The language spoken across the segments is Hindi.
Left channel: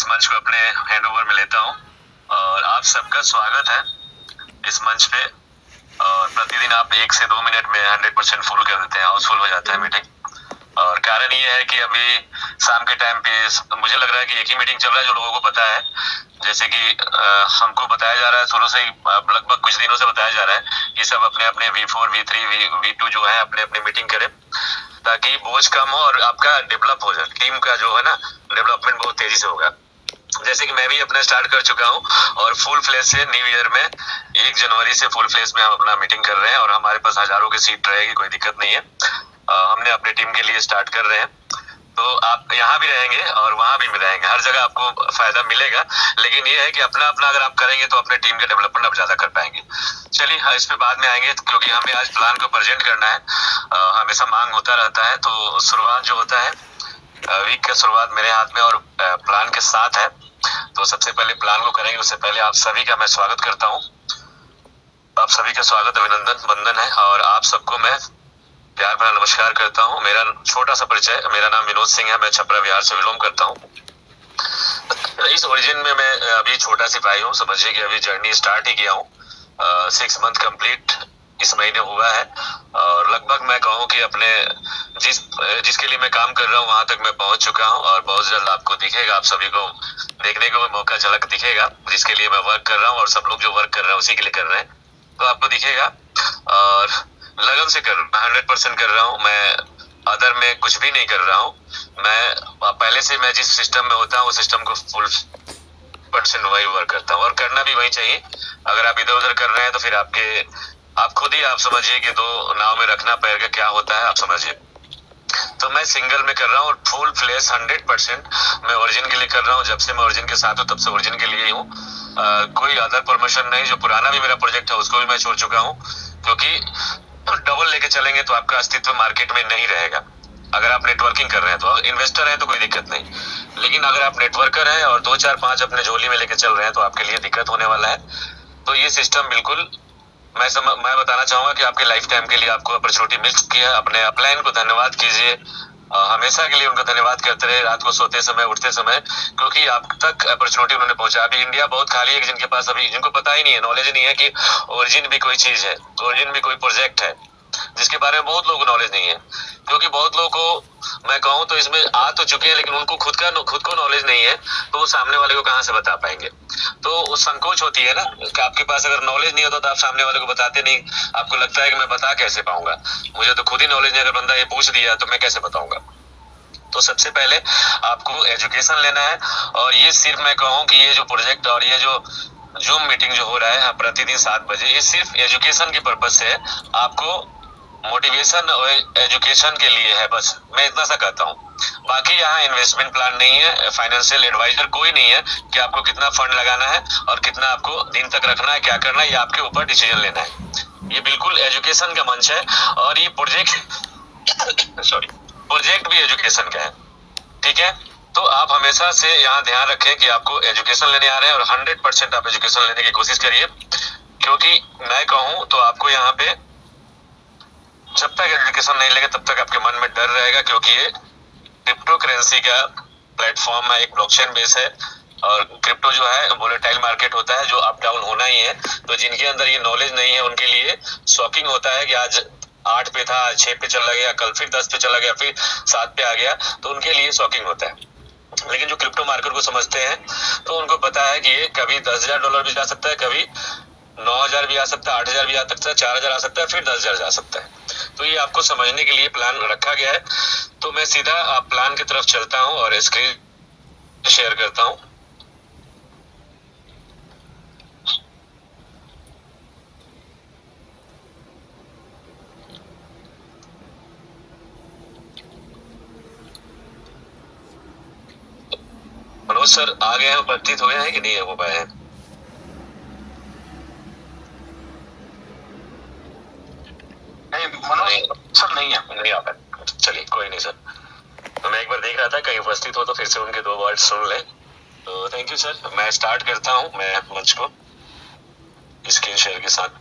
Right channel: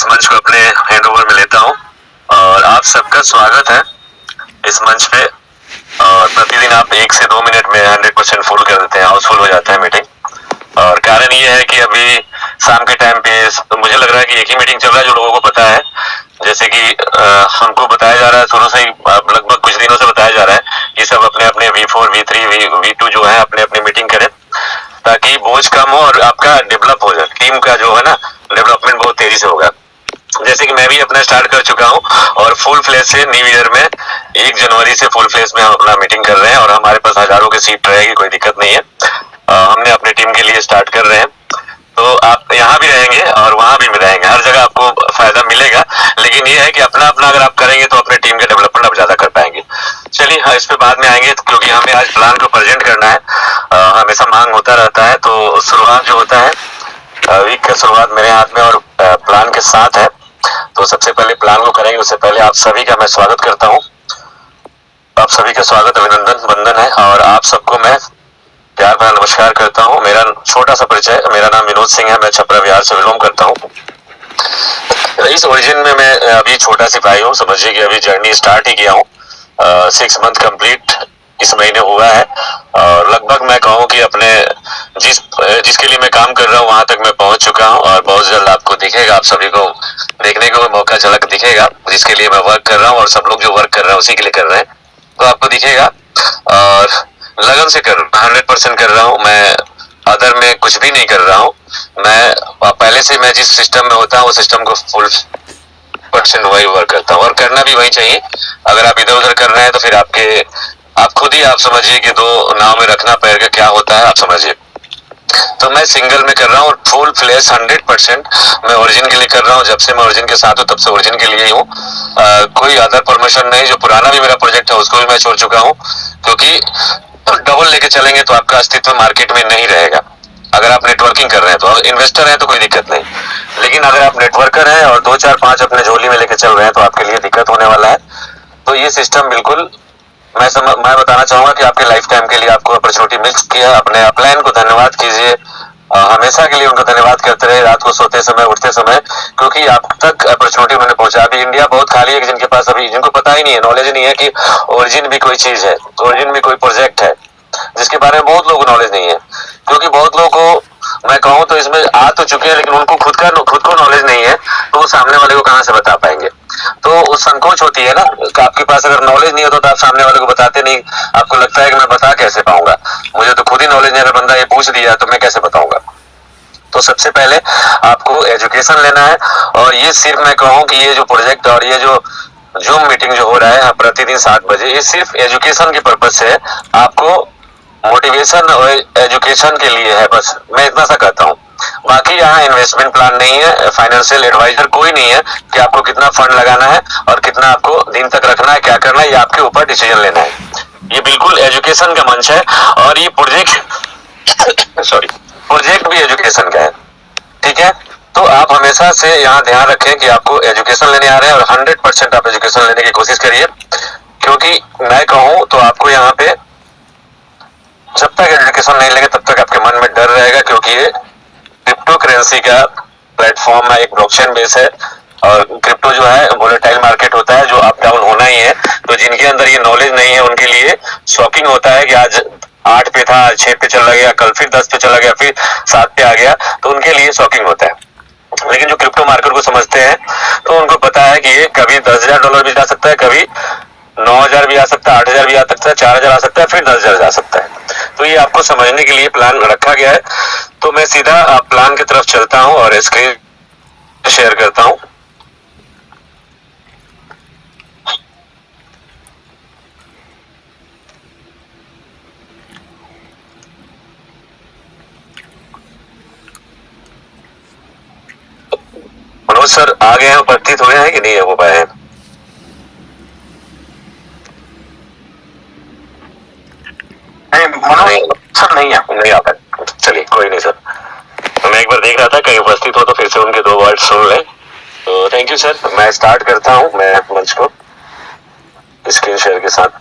इस मंच को अपने हैंड ओवर में लेता हूँ और आप सबका स्वागत है इस मंच पे। और प्रतिदिन आप 1 से 2 मिनट में 100% फुल कर देते हैं, हाउसफुल हो जाता है मीटिंग। और कारण ये है कि अभी शाम के टाइम पे तो मुझे लग रहा है कि एक ही मीटिंग चल रहा है जो लोगों को पता है। जैसे कि हमको बताया जा रहा है शुरू से ही, लगभग कुछ दिनों से बताया जा रहा है कि सब अपने अपने V4, V3, V2 जो है अपने अपने मीटिंग करें ताकि बोझ कम हो और आपका डेवलप हो जाए। टीम का जो है ना डेवलपमेंट बहुत तेजी से होगा। जैसे कि मैं भी अपना स्टार्ट कर चुका हूँ और फुल फ्लेज से न्यू ईयर में 1 जनवरी से फुल फ्लेज में हम अपना मीटिंग कर रहे हैं और हमारे पास हजारों की सीट रहेगी, कोई दिक्कत नहीं है। हमने अपनी टीम के लिए स्टार्ट कर रहे हैं, तो आप यहाँ भी रहेंगे और वहां भी रहेंगे, हर जगह आपको फायदा मिलेगा। लेकिन ये है कि अपना अपना अगर आप करेंगे तो अपने टीम का डेवलपमेंट आप ज्यादा कर पाएंगे। चलिए इस पे बाद में आएंगे क्योंकि हमें आज प्लान को प्रेजेंट करना है। हमेशा मांग होता रहता है, तो शुरुआत जो होता है वीक का शुरुआत मेरे हाथ में और प्लान के साथ है। तो सबसे पहले प्लान को करेंगे, उससे पहले आप सभी का मैं स्वागत करता हूँ। आप सभी का स्वागत अभिनंदन वंदन है और आप सबको मैं प्यार भरा नमस्कार करता हूँ। मेरा छोटा सा परिचय, मेरा नाम विनोद सिंह है, मैं छपरा बिहार से बिलोंग करता हूँ। इस ओरिजिन में मैं अभी छोटा सिपाही हूँ, समझिए कि अभी जर्नी स्टार्ट ही किया हूँ। 6 मंथ कंप्लीट इस महीने हुआ है और लगभग मैं कहूँ कि अपने जिसके लिए मैं काम कर रहा हूँ वहां तक मैं पहुंच चुका हूँ और बहुत जल्द आपको दिखेगा, आप सभी को देखने को मौका झलक दिखेगा जिसके लिए मैं वर्क कर रहा हूँ और सब लोग जो वर्क कर रहे हैं उसी के लिए कर रहे हैं, तो आपको दिखेगा। और लगन से कर 100% कर रहा हूँ मैं, अदर में कुछ भी नहीं कर रहा हूँ मैं। पहले से मैं जिस सिस्टम में होता हूँ वो सिस्टम को फुल % वही वर्क करता हूँ और करना भी वही चाहिए। अगर आप इधर उधर कर रहे हैं तो फिर आप खुद ही आप समझिए कि 2 नाव में रखना पैर का क्या होता है, आप समझिए। तो मैं सिंगल में कर रहा हूँ और फुल फ्लैश 100% मैं ओरिजिन के लिए कर रहा हूँ। जब से मैं ओरिजिन के साथ हूँ तब से ओरिजिन के लिए ही हूँ। कोई अदर परमिशन नहीं। जो पुराना भी मेरा प्रोजेक्ट है उसको भी मैं छोड़ चुका हूँ क्योंकि डबल लेके चलेंगे तो आपका अस्तित्व मार्केट में नहीं रहेगा। अगर आप नेटवर्किंग कर रहे हैं तो इन्वेस्टर हैं तो कोई दिक्कत नहीं, लेकिन अगर आप नेटवर्कर हैं और 2 4 5 अपने झोली में लेके चल रहे हैं तो आपके लिए दिक्कत होने वाला है। तो ये सिस्टम बिल्कुल मैं बताना चाहूंगा कि आपके लाइफ टाइम के लिए आपको अपॉर्चुनिटी मिल चुकी है। अपने अपलाइन को धन्यवाद कीजिए, हमेशा के लिए उनको धन्यवाद करते रहे, रात को सोते समय उठते समय, क्योंकि आप तक अपॉर्चुनिटी उन्होंने पहुंचा। अभी इंडिया बहुत खाली है जिनके पास अभी, जिनको पता ही नहीं है, नॉलेज नहीं है कि ओरिजिन भी कोई चीज है, ओरिजिन भी कोई प्रोजेक्ट है, जिसके बारे में बहुत लोगों को नॉलेज नहीं है। क्योंकि बहुत लोगों को मैं कहूँ तो इसमें आ तो चुके हैं लेकिन उनको खुद को नॉलेज नहीं है, तो वो सामने वाले को कहाँ से बता पाएंगे। तो वो संकोच होती है ना कि आपके पास अगर नॉलेज नहीं होता तो आप सामने वाले को बताते नहीं। आपको लगता है कि मैं बता कैसे पाऊंगा, मुझे तो खुद ही नॉलेज नहीं है, अगर बंदा ये पूछ दिया तो मैं कैसे बताऊंगा। तो सबसे पहले आपको एजुकेशन लेना है और ये सिर्फ मैं कहूँ कि ये जो प्रोजेक्ट और ये जो जूम मीटिंग जो हो रहा है प्रतिदिन 7 बजे, ये सिर्फ एजुकेशन के पर्पज से आपको मोटिवेशन और एजुकेशन के लिए है, बस मैं इतना सा कहता हूँ। बाकी यहाँ इन्वेस्टमेंट प्लान नहीं है, फाइनेंशियल एडवाइजर कोई नहीं है कि आपको कितना फंड लगाना है और कितना आपको दिन तक रखना है, क्या करना है, ये आपके ऊपर डिसीजन लेना है। ये बिल्कुल एजुकेशन का मंच है और ये प्रोजेक्ट प्रोजेक्ट भी एजुकेशन का है, ठीक है। तो आप हमेशा से यहाँ ध्यान रखें कि आपको एजुकेशन लेने आ रहे हैं और 100% आप एजुकेशन लेने की कोशिश करिए, क्योंकि मैं कहूँ तो आपको यहाँ पे जब तक एजुकेशन नहीं लेंगे तब तक आपके मन में डर रहेगा, क्योंकि ये क्रिप्टो करेंसी का प्लेटफॉर्म है, एक ब्लॉकचेन बेस है और क्रिप्टो जो है वोलेटाइल मार्केट होता है जो अप डाउन होना ही है। तो जिनके अंदर ये नॉलेज नहीं है उनके लिए शॉकिंग होता है कि आज 8 पे था, 6 पे चला गया, कल फिर 10 पे चला गया, फिर 7 पे आ गया, तो उनके लिए शॉकिंग होता है। लेकिन जो क्रिप्टो मार्केट को समझते हैं तो उनको पता है कि ये कभी $10,000 भी जा सकता है, कभी 9,000 भी आ सकता है, 8,000 भी आ सकता है, 4,000 आ सकता है, फिर 10,000 जा सकता है। तो ये आपको समझने के लिए प्लान रखा गया है। तो मैं सीधा प्लान की तरफ चलता हूँ और स्क्रीन शेयर करता हूँ। मनोज सर आ गए हैं, उपस्थित हुए हैं कि नहीं हो पाए हैं? सर नहीं आ पाए, चलिए कोई नहीं सर। तो मैं एक बार देख रहा था कहीं उपस्थित हो तो फिर से उनके 2 वर्ड सुन ले। तो थैंक यू सर, मैं स्टार्ट करता हूँ मैं मंच को स्क्रीन शेयर के साथ।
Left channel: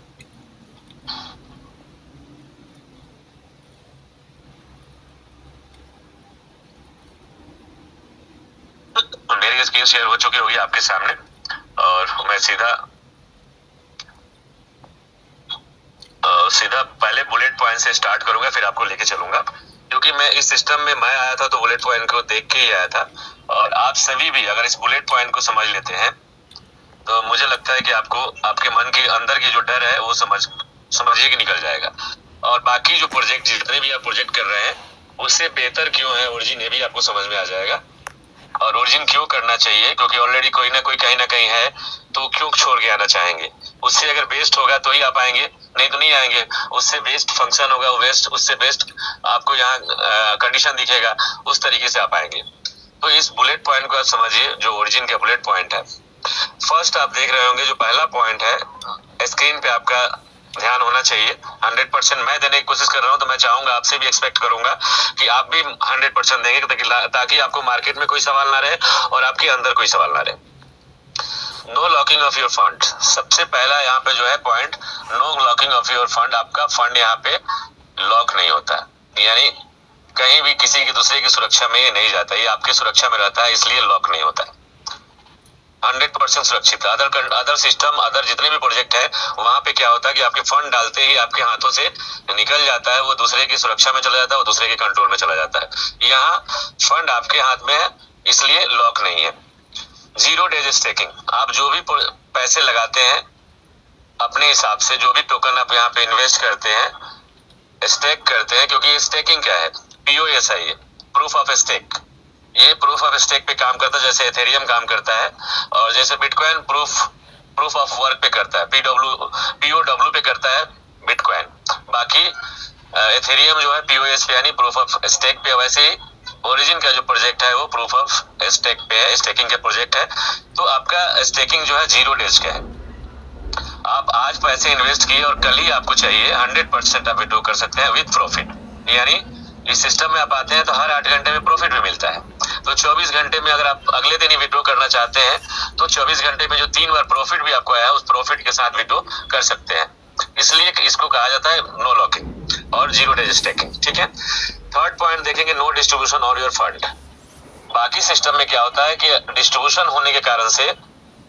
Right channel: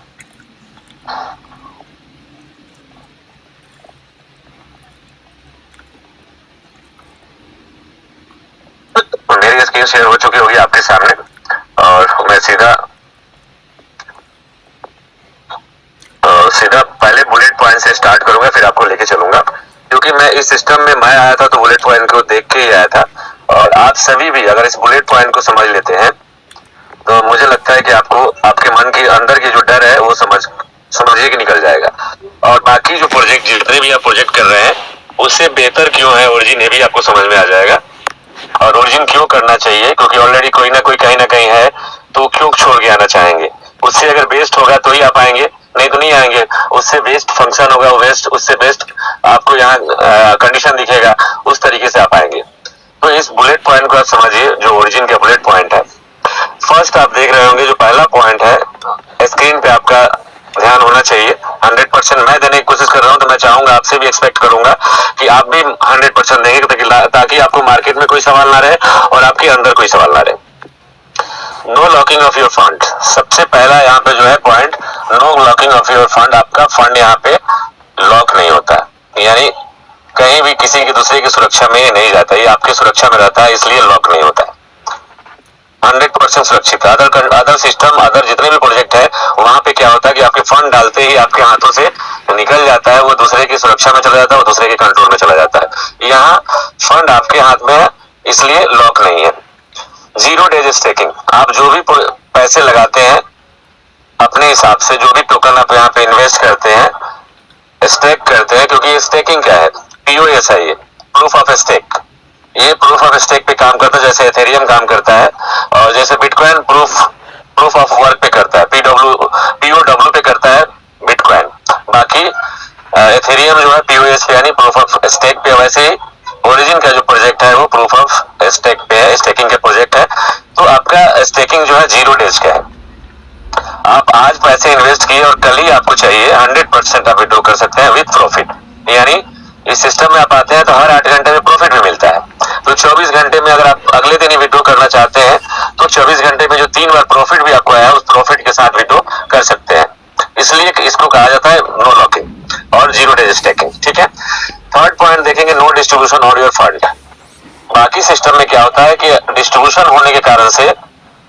मेरी स्क्रीन शेयर हो चुकी होगी आपके सामने, और मैं सीधा पहले बुलेट पॉइंट से स्टार्ट करूंगा, फिर आपको लेके चलूंगा, क्योंकि मैं इस सिस्टम में मैं आया था तो बुलेट पॉइंट को देख के ही आया था। और आप सभी भी अगर इस बुलेट पॉइंट को समझ लेते हैं तो मुझे लगता है कि आपको आपके मन के अंदर की जो डर है वो समझिए कि निकल जाएगा। और बाकी जो प्रोजेक्ट जितने भी आप प्रोजेक्ट कर रहे हैं उससे बेहतर क्यों है ओरिजिन, ये भी आपको समझ में आ जाएगा। और ओरिजिन क्यों करना चाहिए, क्योंकि ऑलरेडी कोई ना कोई कहीं ना कहीं है, तो क्यों छोड़ के आना चाहेंगे। उससे अगर बेस्ट होगा तो ही आप आएंगे, नहीं तो नहीं आएंगे। उससे बेस्ट फंक्शन होगा, उससे बेस्ट आपको यहाँ कंडीशन दिखेगा, उस तरीके से आप आएंगे। तो इस बुलेट पॉइंट को आप समझिए, जो ओरिजिन का बुलेट पॉइंट है। फर्स्ट आप देख रहे होंगे जो पहला पॉइंट है, स्क्रीन पे आपका ध्यान होना चाहिए। 100% मैं देने की कोशिश कर रहा हूं, तो मैं चाहूंगा आपसे भी एक्सपेक्ट करूंगा कि आप भी 100% देंगे, ताकि आपको मार्केट में कोई सवाल ना रहे और आपके अंदर कोई सवाल ना रहे। No locking of your fund, सबसे पहला यहाँ पे जो है point, no locking of your fund. आपका फंड यहाँ पे लॉक नहीं होता, यानी कहीं भी किसी की दूसरे की सुरक्षा में नहीं जाता, ये आपकी सुरक्षा में रहता है, इसलिए लॉक नहीं होता है। 100% सुरक्षित है। अदर सिस्टम, अदर जितने भी प्रोजेक्ट है, वहां पे क्या होता है कि आपके फंड डालते ही आपके हाथों से निकल जाता है, वो दूसरे की सुरक्षा में चला जाता है, वो दूसरे के कंट्रोल में चला जाता है। यहाँ फंड आपके हाथ में है, इसलिए लॉक नहीं है। 0 डेज स्टेकिंग, आप जो भी पैसे लगाते हैं अपने हिसाब से, जो भी टोकन आप यहाँ पे इन्वेस्ट करते हैं, स्टेक करते हैं, क्योंकि स्टेकिंग क्या है, POS है, ये प्रूफ ऑफ स्टेक। ये प्रूफ ऑफ स्टेक पे काम करता है, जैसे एथेरियम काम करता है, और जैसे बिटकॉइन प्रूफ ऑफ वर्क पे करता है, POW पे करता है बिटकॉइन। बाकी एथेरियम जो है POS पे यानी प्रूफ ऑफ स्टेक पे। वैसे ही ओरिजिन का जो प्रोजेक्ट है वो प्रूफ ऑफ स्टेक पे है, स्टेकिंग का प्रोजेक्ट है। तो आपका स्टेकिंग जो है 0 डेज का है। आप आज पैसे इन्वेस्ट किए और कल ही आपको चाहिए, 100% आप विड्रॉ कर सकते हैं विद प्रॉफिट। यानी इस सिस्टम में आप आते हैं तो हर 8 घंटे में प्रॉफिट भी मिलता है। तो 24 घंटे में अगर आप अगले दिन ही विड्रॉ करना चाहते हैं तो 24 घंटे में जो 3 बार प्रॉफिट भी आपको आया, उस प्रॉफिट के साथ विड्रॉ कर सकते हैं। इसलिए इसको कहा जाता है नो लॉकिंग और 0 डेज स्टेकिंग। ठीक है। थर्ड पॉइंट देखेंगे, no distribution on your fund. बाकी सिस्टम में क्या होता है कि डिस्ट्रीब्यूशन होने के कारण से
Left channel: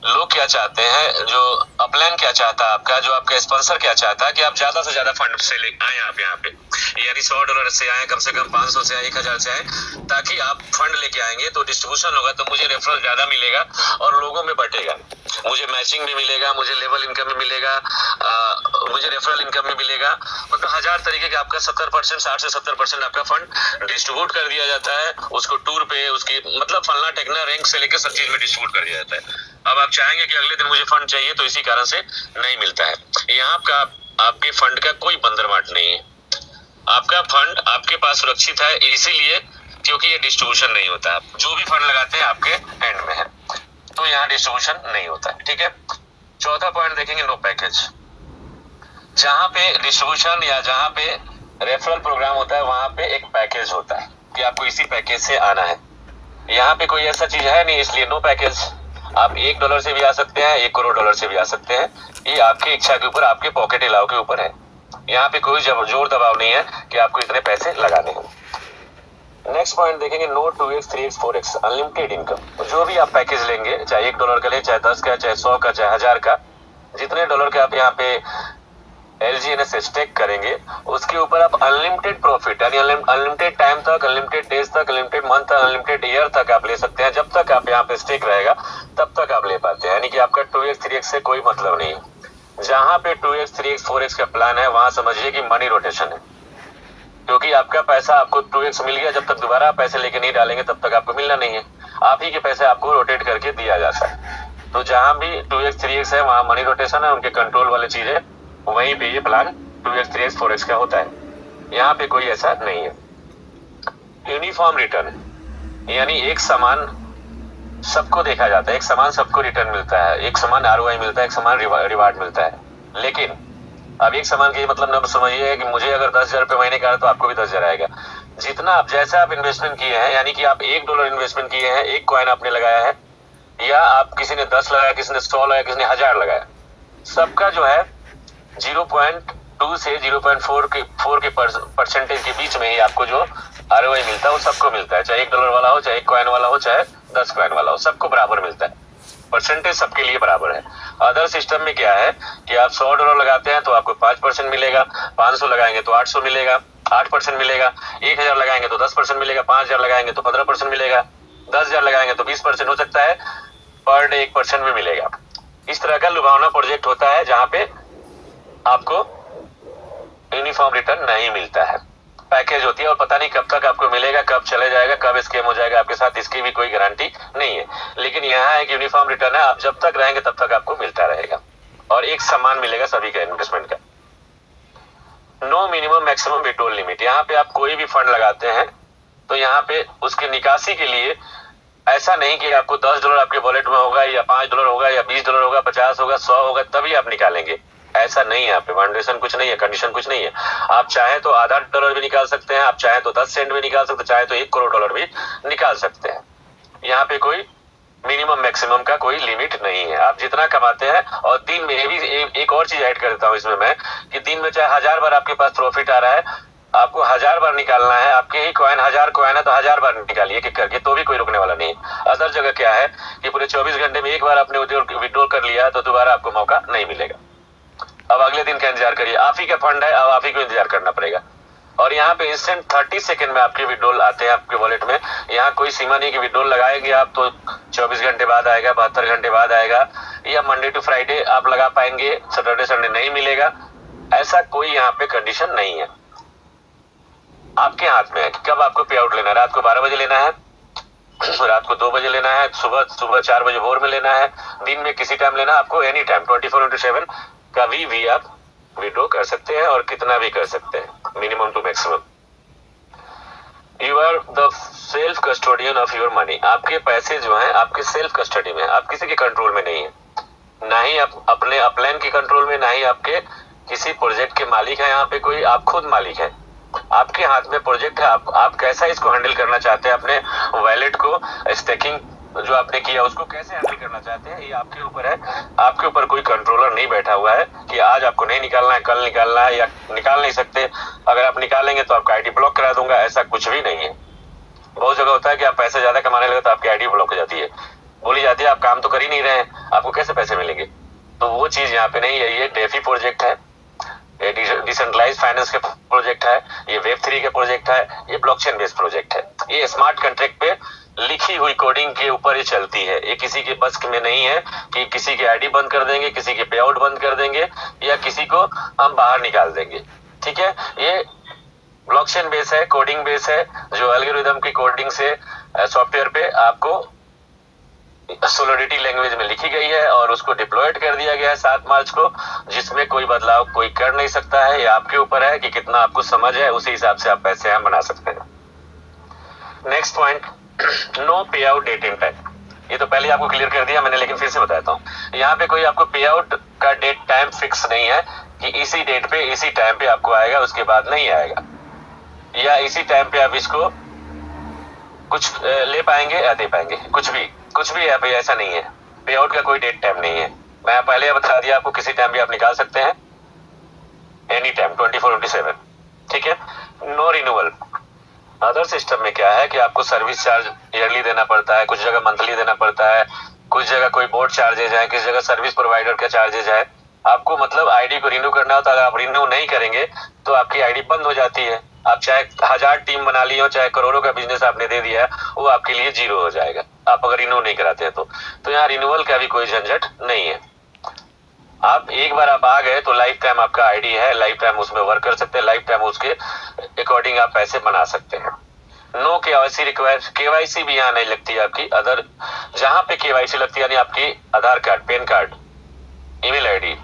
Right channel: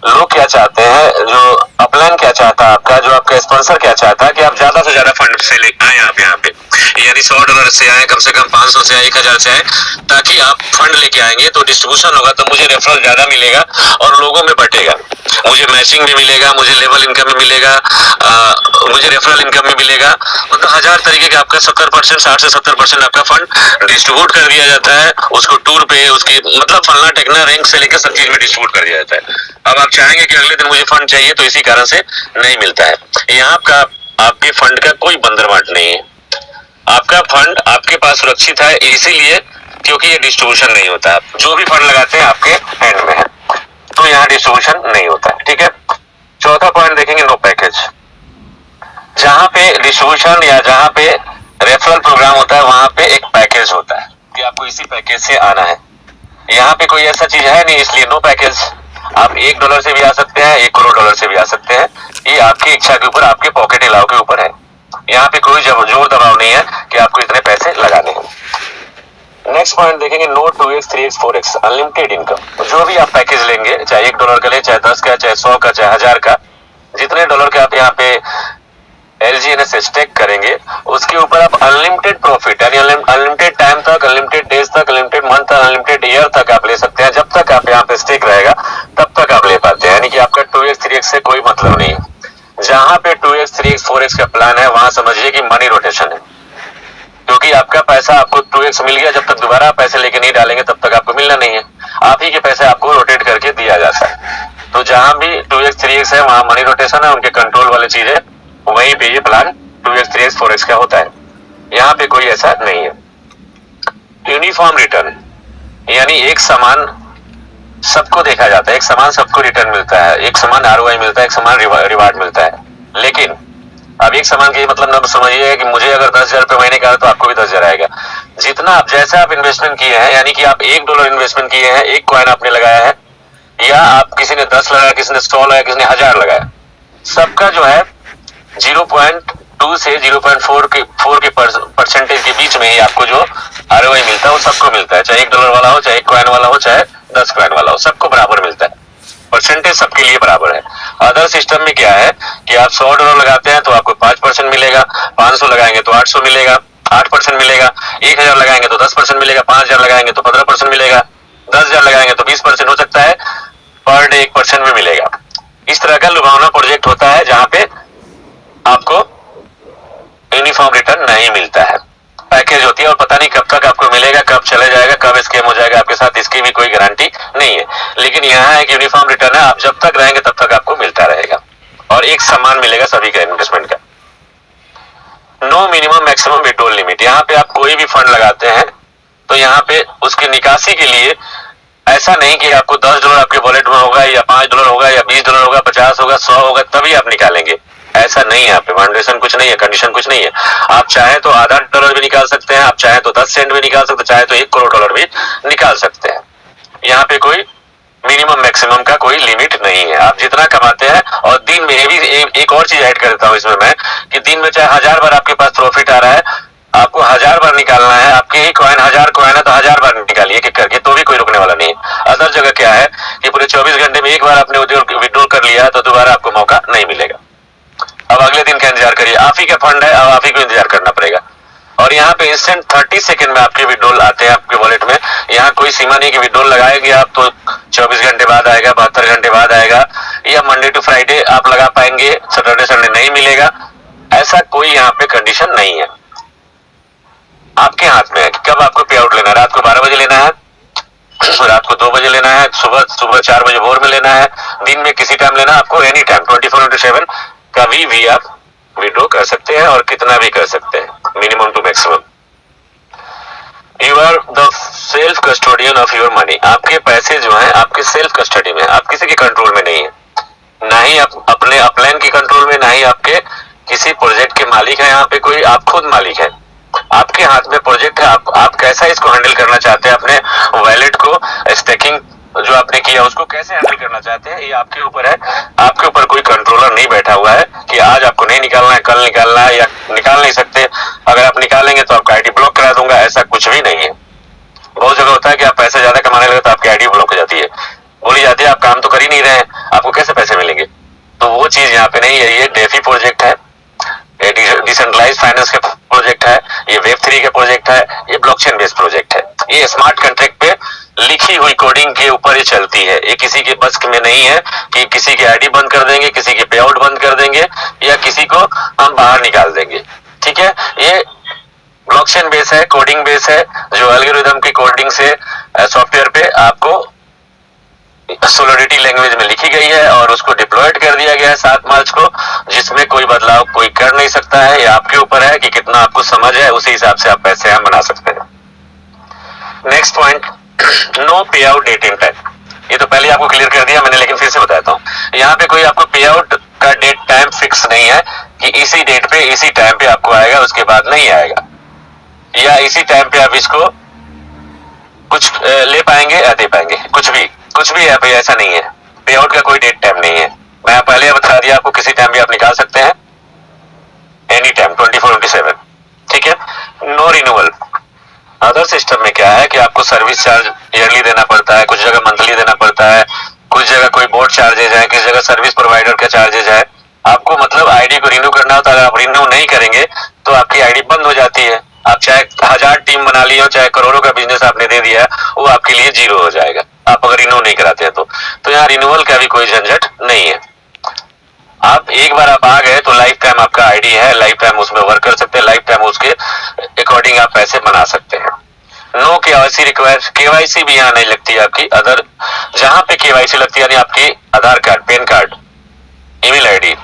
लोग क्या चाहते हैं, जो अपलाइन क्या चाहता है आपका, जो आपका स्पॉन्सर क्या चाहता है कि आप ज्यादा से ज्यादा फंड से ले आए आप यहाँ पे, यानी $100 से आए, कम से कम 500 से आए, 1000 से आए, ताकि आप फंड लेके आएंगे तो डिस्ट्रीब्यूशन होगा, तो मुझे रेफरल ज्यादा मिलेगा और लोगों में बटेगा, मुझे मैचिंग में मिलेगा, मुझे लेवल इनकम में मिलेगा, मुझे रेफरल इनकम में मिलेगा। मतलब 1000 तरीके का आपका 70%, 60 से 70% आपका फंड डिस्ट्रीब्यूट कर दिया जाता है, उसको टूर पे, उसकी मतलब फलना टेकना रैंक से लेकर सब चीज में डिस्ट्रीब्यूट कर दिया जाता है। अब आप चाहेंगे कि अगले दिन मुझे फंड चाहिए, तो इसी कारण से नहीं मिलता है। यहाँ का आपके फंड का कोई बंदरवाट नहीं है, आपका फंड आपके पास सुरक्षित है, इसीलिए क्योंकि ये डिस्ट्रीब्यूशन नहीं होता है। जो भी फंड लगाते हैं आपके हैंड में है, तो यहाँ डिस्ट्रीब्यूशन नहीं होता है। ठीक है। चौथा पॉइंट देखेंगे, नो पैकेज। जहां पे डिस्ट्रीब्यूशन या जहां पे रेफरल प्रोग्राम होता है, वहां पे एक पैकेज होता है कि आपको इसी पैकेज से आना है। यहाँ पे कोई ऐसा चीज है नहीं, इसलिए नो पैकेज। आप $1 से भी आ सकते हैं, $1 करोड़ से भी आ सकते हैं, ये आपकी इच्छा के ऊपर, आपके पॉकेट अलाउ के ऊपर है। यहाँ पे कोई जोर दबाव नहीं है कि आपको इतने पैसे लगाने हैं। नेक्स्ट पॉइंट देखेंगे, no 2x 3x 4x unlimited income. जो भी आप पैकेज लेंगे, चाहे $1 का ले, चाहे 10 का, चाहे 100 का, चाहे 1000 का, जितने डॉलर के आप यहाँ पे LGNS स्टेक करेंगे, उसके ऊपर आप अनलिमिटेड प्रॉफिट, यानी अनलिमिटेड टाइम तक, अनलिमिटेड डेज तक, अनलिमिटेड मंथ तक, अनलिमिटेड ईयर तक आप ले सकते हैं। जब तक आप यहाँ पे स्टेक रहेगा तब तक आप ले पाते हैं, यानी कि आपका 2x 3x से कोई मतलब नहीं है। जहां पे 2x 3x 4x का प्लान है, वहां समझिए कि मनी रोटेशन है, क्योंकि आपका पैसा आपको 2x मिल गया, जब तक दोबारा पैसे लेके नहीं डालेंगे तब तक आपको मिलना नहीं है। आप ही के पैसे आपको रोटेट करके दिया जाता है। तो जहां भी 2x 3x है वहां मनी रोटेशन है, उनके कंट्रोल वाली चीज है, वहीं पे ये प्लान 2x 3x 4x का होता है। यहाँ पे कोई ऐसा नहीं है। यूनिफॉर्म रिटर्न, यानी एक समान सबको देखा जाता है, एक समान सबको रिटर्न मिलता है, एक समान ROI मिलता है, एक समान रिवार्ड मिलता है। लेकिन अब एक समान के मतलब न समझिए कि मुझे अगर 10,000 रुपए महीने का है तो आपको भी 10,000 आएगा। जितना आप जैसा आप इन्वेस्टमेंट किए हैं, यानी कि आप $1 इन्वेस्टमेंट किए हैं, एक कॉइन आपने लगाया है, या आप किसी ने 10 लगाया, किसी ने 100 लगाया, किसी ने 1000 लगाया, सबका जो है 0.1 0.2 से 0.4 के परसेंटेज के बीच में ही आपको जो ROI मिलता है वो सबको मिलता है, चाहे $1 वाला हो, चाहे 1 कॉइन वाला हो, चाहे 10 कॉइन वाला हो, सबको बराबर मिलता है, परसेंटेज सबके लिए बराबर है। अदर सिस्टम में क्या है कि आप $100 लगाते हैं तो आपको 5% मिलेगा, 500 लगाएंगे तो 800 मिलेगा, 8% मिलेगा, 1000 लगाएंगे तो 10% मिलेगा, 5000 लगाएंगे तो 15% मिलेगा, 10,000 लगाएंगे तो 20% हो सकता है, पर डे 1% भी मिलेगा। इस तरह का लुभावना प्रोजेक्ट होता है जहां पे आपको यूनिफॉर्म रिटर्न नहीं मिलता है, पैकेज होती है और पता नहीं कब तक आपको मिलेगा, कब चले जाएगा, कब स्कैम हो जाएगा आपके साथ, इसकी भी कोई गारंटी नहीं है। लेकिन यहाँ एक यूनिफॉर्म रिटर्न है, आप जब तक रहेंगे तब तक आपको मिलता रहेगा और एक समान मिलेगा सभी का इन्वेस्टमेंट का। No minimum maximum withdrawal limit, यहाँ पे आप कोई भी फंड लगाते हैं तो यहाँ पे उसकी निकासी के लिए ऐसा नहीं कि आपको $10 आपके वॉलेट में होगा या $5 होगा या $20 होगा, 50 होगा, 100 होगा तभी आप निकालेंगे, ऐसा नहीं है। यहाँ पे फाउंडेशन कुछ नहीं है, कंडीशन कुछ नहीं है। आप चाहे तो आधा $1 भी निकाल सकते हैं, आप चाहे तो 10 सेंट भी निकाल सकते हैं, चाहे तो $1 करोड़ भी निकाल सकते हैं। यहाँ पे कोई मिनिमम मैक्सिमम का कोई लिमिट नहीं है, आप जितना कमाते हैं। और दिन में भी एक और चीज ऐड कर देता हूँ इसमें मैं, कि दिन में चाहे 1000 बार आपके पास प्रॉफिट आ रहा है, आपको 1000 बार निकालना है, आपके ही कॉइन 1000 कॉइन है तो 1000 बार निकालिए एक करके, तो भी कोई रुकने वाला नहीं है। अदर जगह क्या है कि पूरे 24 घंटे में एक बार आपने विड्रॉल कर लिया तो दोबारा आपको मौका नहीं मिलेगा। अब अगले दिन का इंतजार करिए, आप ही का फंड है, अब आप ही को इंतजार करना पड़ेगा। और यहाँ पे इंस्टेंट 30 सेकंड में आपके विड्रॉल आते हैं आपके वॉलेट में। यहाँ कोई सीमा नहीं कि विड्रॉल लगाएंगे आप तो 24 घंटे बाद आएगा, 72 घंटे बाद आएगा, या मंडे टू फ्राइडे आप लगा पाएंगे, सैटरडे संडे नहीं मिलेगा, ऐसा कोई यहाँ पे कंडीशन नहीं है। आपके हाथ में है कि कब आपको पे आउट लेना है, रात को 12 बजे लेना है, रात को 2 बजे लेना है, सुबह 4 बजे भोर में लेना है, दिन में किसी टाइम लेना है, आपको एनी टाइम 24/7 कभी भी आप विड्रॉ कर सकते हैं और कितना भी कर सकते हैं, minimum to maximum. You are the self custodian of your money, आपके पैसे जो हैं आपके सेल्फ कस्टडी में, आप किसी के कंट्रोल में नहीं है, ना ही आप अपने अपलाइन के कंट्रोल में, ना ही आपके किसी प्रोजेक्ट के मालिक है। यहाँ पे कोई, आप खुद मालिक है, आपके हाथ में प्रोजेक्ट है, आप कैसा इसको हैंडल करना चाहते हैं, अपने वैलेट को स्टेकिंग जो आपने किया उसको कैसे हैंडल करना चाहते हैं, ये आपके ऊपर है। आपके ऊपर कोई कंट्रोलर नहीं बैठा हुआ है कि आज आपको नहीं निकालना है, कल निकालना है, या निकाल नहीं सकते, अगर आप निकालेंगे तो आपका आईडी ब्लॉक करा दूंगा, ऐसा कुछ भी नहीं है। बहुत जगह होता है कि आप पैसे ज्यादा कमाने लगे तो आपकी आईडी ब्लॉक हो जाती है, बोली जाती है आप काम तो कर ही नहीं रहे हैं, आपको कैसे पैसे मिलेंगे। तो वो चीज यहाँ पे नहीं है। ये डेफी प्रोजेक्ट है, ये डिसेंट्रलाइज फाइनेंस का प्रोजेक्ट है, ये वेब3 का प्रोजेक्ट है, ये ब्लॉकचेन बेस्ड प्रोजेक्ट है। ये स्मार्ट कॉन्ट्रैक्ट पे लिखी हुई कोडिंग के ऊपर ही चलती है। ये किसी के बस में नहीं है कि किसी की आईडी बंद कर देंगे, किसी के पे आउट बंद कर देंगे, या किसी को हम बाहर निकाल देंगे। ठीक है, ये ब्लॉकचेन बेस है, कोडिंग बेस है, जो एल्गोरिथम की कोडिंग से सॉफ्टवेयर पे आपको सोलिडिटी लैंग्वेज में लिखी गई है और उसको डिप्लॉयड कर दिया गया है 7 मार्च को, जिसमें कोई बदलाव कोई कर नहीं सकता है। ये आपके ऊपर है कि कितना आपको समझ है, उसी हिसाब से आप पैसे हम बना सकते हैं। नेक्स्ट पॉइंट, नो पे आउट डेट इन टाइम। ये तो पहले आपको क्लियर कर दिया मैंने, लेकिन फिर से बताता हूँ। यहाँ पे कोई आपको पे आउट का डेट टाइम फिक्स नहीं है कि इसी डेट पे इसी टाइम पे आपको आएगा, उसके बाद नहीं आएगा, या इसी टाइम पे आप इसको कुछ ले पाएंगे या दे पाएंगे, कुछ भी है भाई, ऐसा नहीं है। पे आउट का कोई डेट टाइम नहीं है। मैं पहले बता दिया आपको, किसी टाइम भी आप निकाल सकते हैं, एनी टाइम 24/7। ठीक है, नो रिन्यूअल। अदर सिस्टम में क्या है कि आपको सर्विस चार्ज ईयरली देना पड़ता है, कुछ जगह मंथली देना पड़ता है, कुछ जगह कोई बोर्ड चार्जेज है, किसी जगह सर्विस प्रोवाइडर का चार्जेज है। आपको मतलब आईडी को रिन्यू करना होता है, अगर आप रिन्यू नहीं करेंगे तो आपकी आईडी बंद हो जाती है। आप चाहे 1000 टीम बना ली हो, चाहे करोड़ों का बिजनेस आपने दे दिया है, वो आपके लिए जीरो हो जाएगा आप अगर रिन्यू नहीं कराते हैं तो यहाँ रिन्यूअल का भी कोई झंझट नहीं है। आप एक बार आप आ गए तो लाइफ टाइम आपका आईडी है, लाइफ टाइम उसमें वर्क कर सकते हैं, लाइफ टाइम उसके अकॉर्डिंग आप पैसे बना सकते हैं। नो केवाईसी रिक्वायर, केवाईसी भी यहाँ नहीं लगती है आपकी। अदर जहां पे केवाईसी लगती है, यानी आपकी Aadhaar card, PAN card, email ID,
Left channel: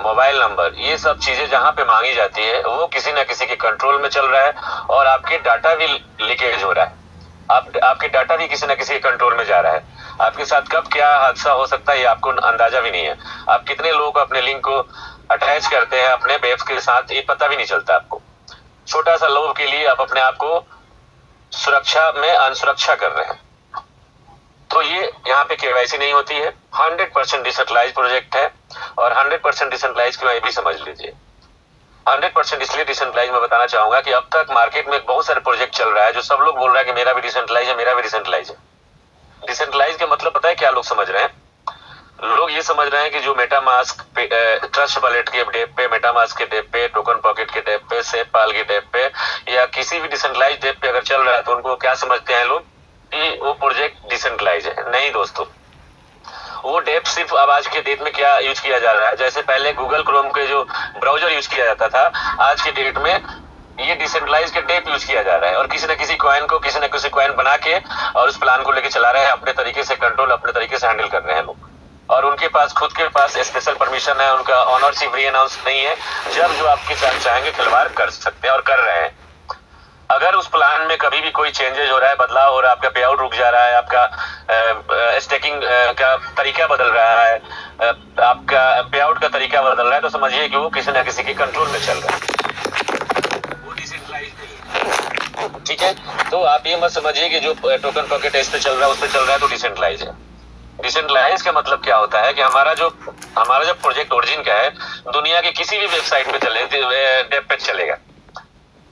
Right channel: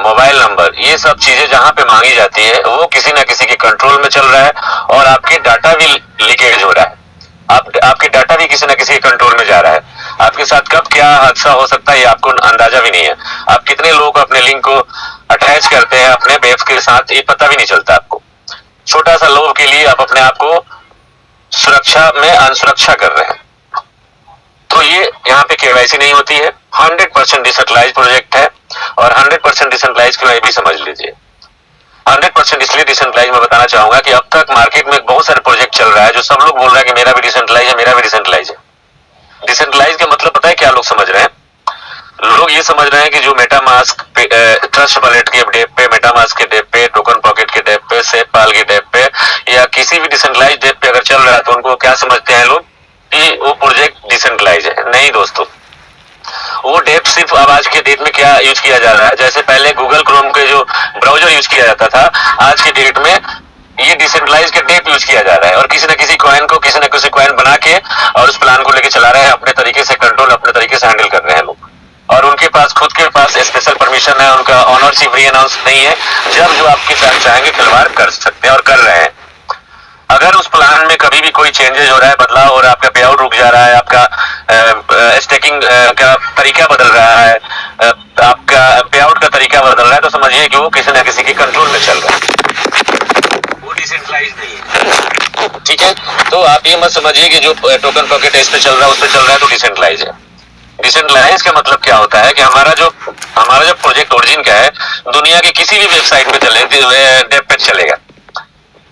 mobile number, ये सब चीजें जहां पे मांगी जाती है वो किसी ना किसी के कंट्रोल में चल रहा है और आपके डाटा भी लीकेज हो रहा है। आपके डाटा भी किसी ना किसी के कंट्रोल में जा रहा है। आपके साथ कब क्या हादसा हो सकता है ये आपको अंदाजा भी नहीं है। आप कितने लोग अपने लिंक को अटैच करते हैं अपने वेब के साथ, ये पता भी नहीं चलता आपको। छोटा सा लोभ के लिए आप अपने आप को सुरक्षा में अनसुरक्षा कर रहे हैं। तो ये यहाँ पे केवाईसी नहीं होती है। 100% डिसेंट्रलाइज प्रोजेक्ट है और 100% डिसेंट्रलाइज क्यों है भी समझ लीजिए। 100% इसलिए डिसेंट्रलाइज मैं बताना चाहूंगा कि अब तक मार्केट में बहुत सारे प्रोजेक्ट चल रहा है जो सब लोग बोल रहा है कि मेरा भी डिसेंट्रलाइज है, मेरा भी डिसेंट्रलाइज है। डिसेंट्रलाइज का मतलब पता है क्या लोग समझ रहे हैं? लोग ये समझ रहे हैं कि जो मेटामास्क पे ट्रस्ट वॉलेट के डेप पे, मेटामास्क के डेप पे, टोकन पॉकेट के डेप पे, सेफपाल के डेप पे या किसी भी डिसेंट्रलाइज डेप पे अगर चल रहा है तो उनको क्या समझते हैं लोग कि वो प्रोजेक्ट डिसेंट्रलाइज है। नहीं दोस्तों, वो डेप सिर्फ अब आज के डेट में क्या यूज किया जा रहा है, जैसे पहले गूगल क्रोम के जो ब्राउजर यूज किया जाता था, आज के डेट में ये डिसेंट्रलाइज के डेप यूज किया जा रहा है और किसी न किसी कॉइन को, किसी न किसी कॉइन बना के और उस प्लान को लेके चला रहे हैं, अपने तरीके से कंट्रोल, अपने तरीके से हैंडल कर रहे हैं लोग। और उनके पास खुद के पास स्पेशल परमिशन है, उनका ऑनरशिप री अनाउंस नहीं है, जब जो आपके साथ चाहेंगे खिलवाड़ कर सकते हैं और कर रहे हैं। अगर उस प्लान में कभी भी कोई चेंजेस हो रहा है, बदलाव हो रहा है, आपका पे आउट रुक जा रहा है, आपका स्टेकिंग का तरीका बदल रहा है, आपका पे आउट का तरीका बदल रहा है, तो समझिए कि वो किसी न किसी के कंट्रोल में चल रहा है, वो डिसेंट्रलाइज नहीं है। ठीक है, तो आप ये मत समझिए कि जो टोकन पॉकेट इस पे चल रहा है, उस पे चल रहा है तो डिसेंट्रलाइज है। डिसेंट्रलाइज का मतलब क्या होता है कि हमारा जो प्रोजेक्ट ओरिजिन का है, दुनिया के किसी भी वेबसाइट पे चले, डेप पे चलेगा।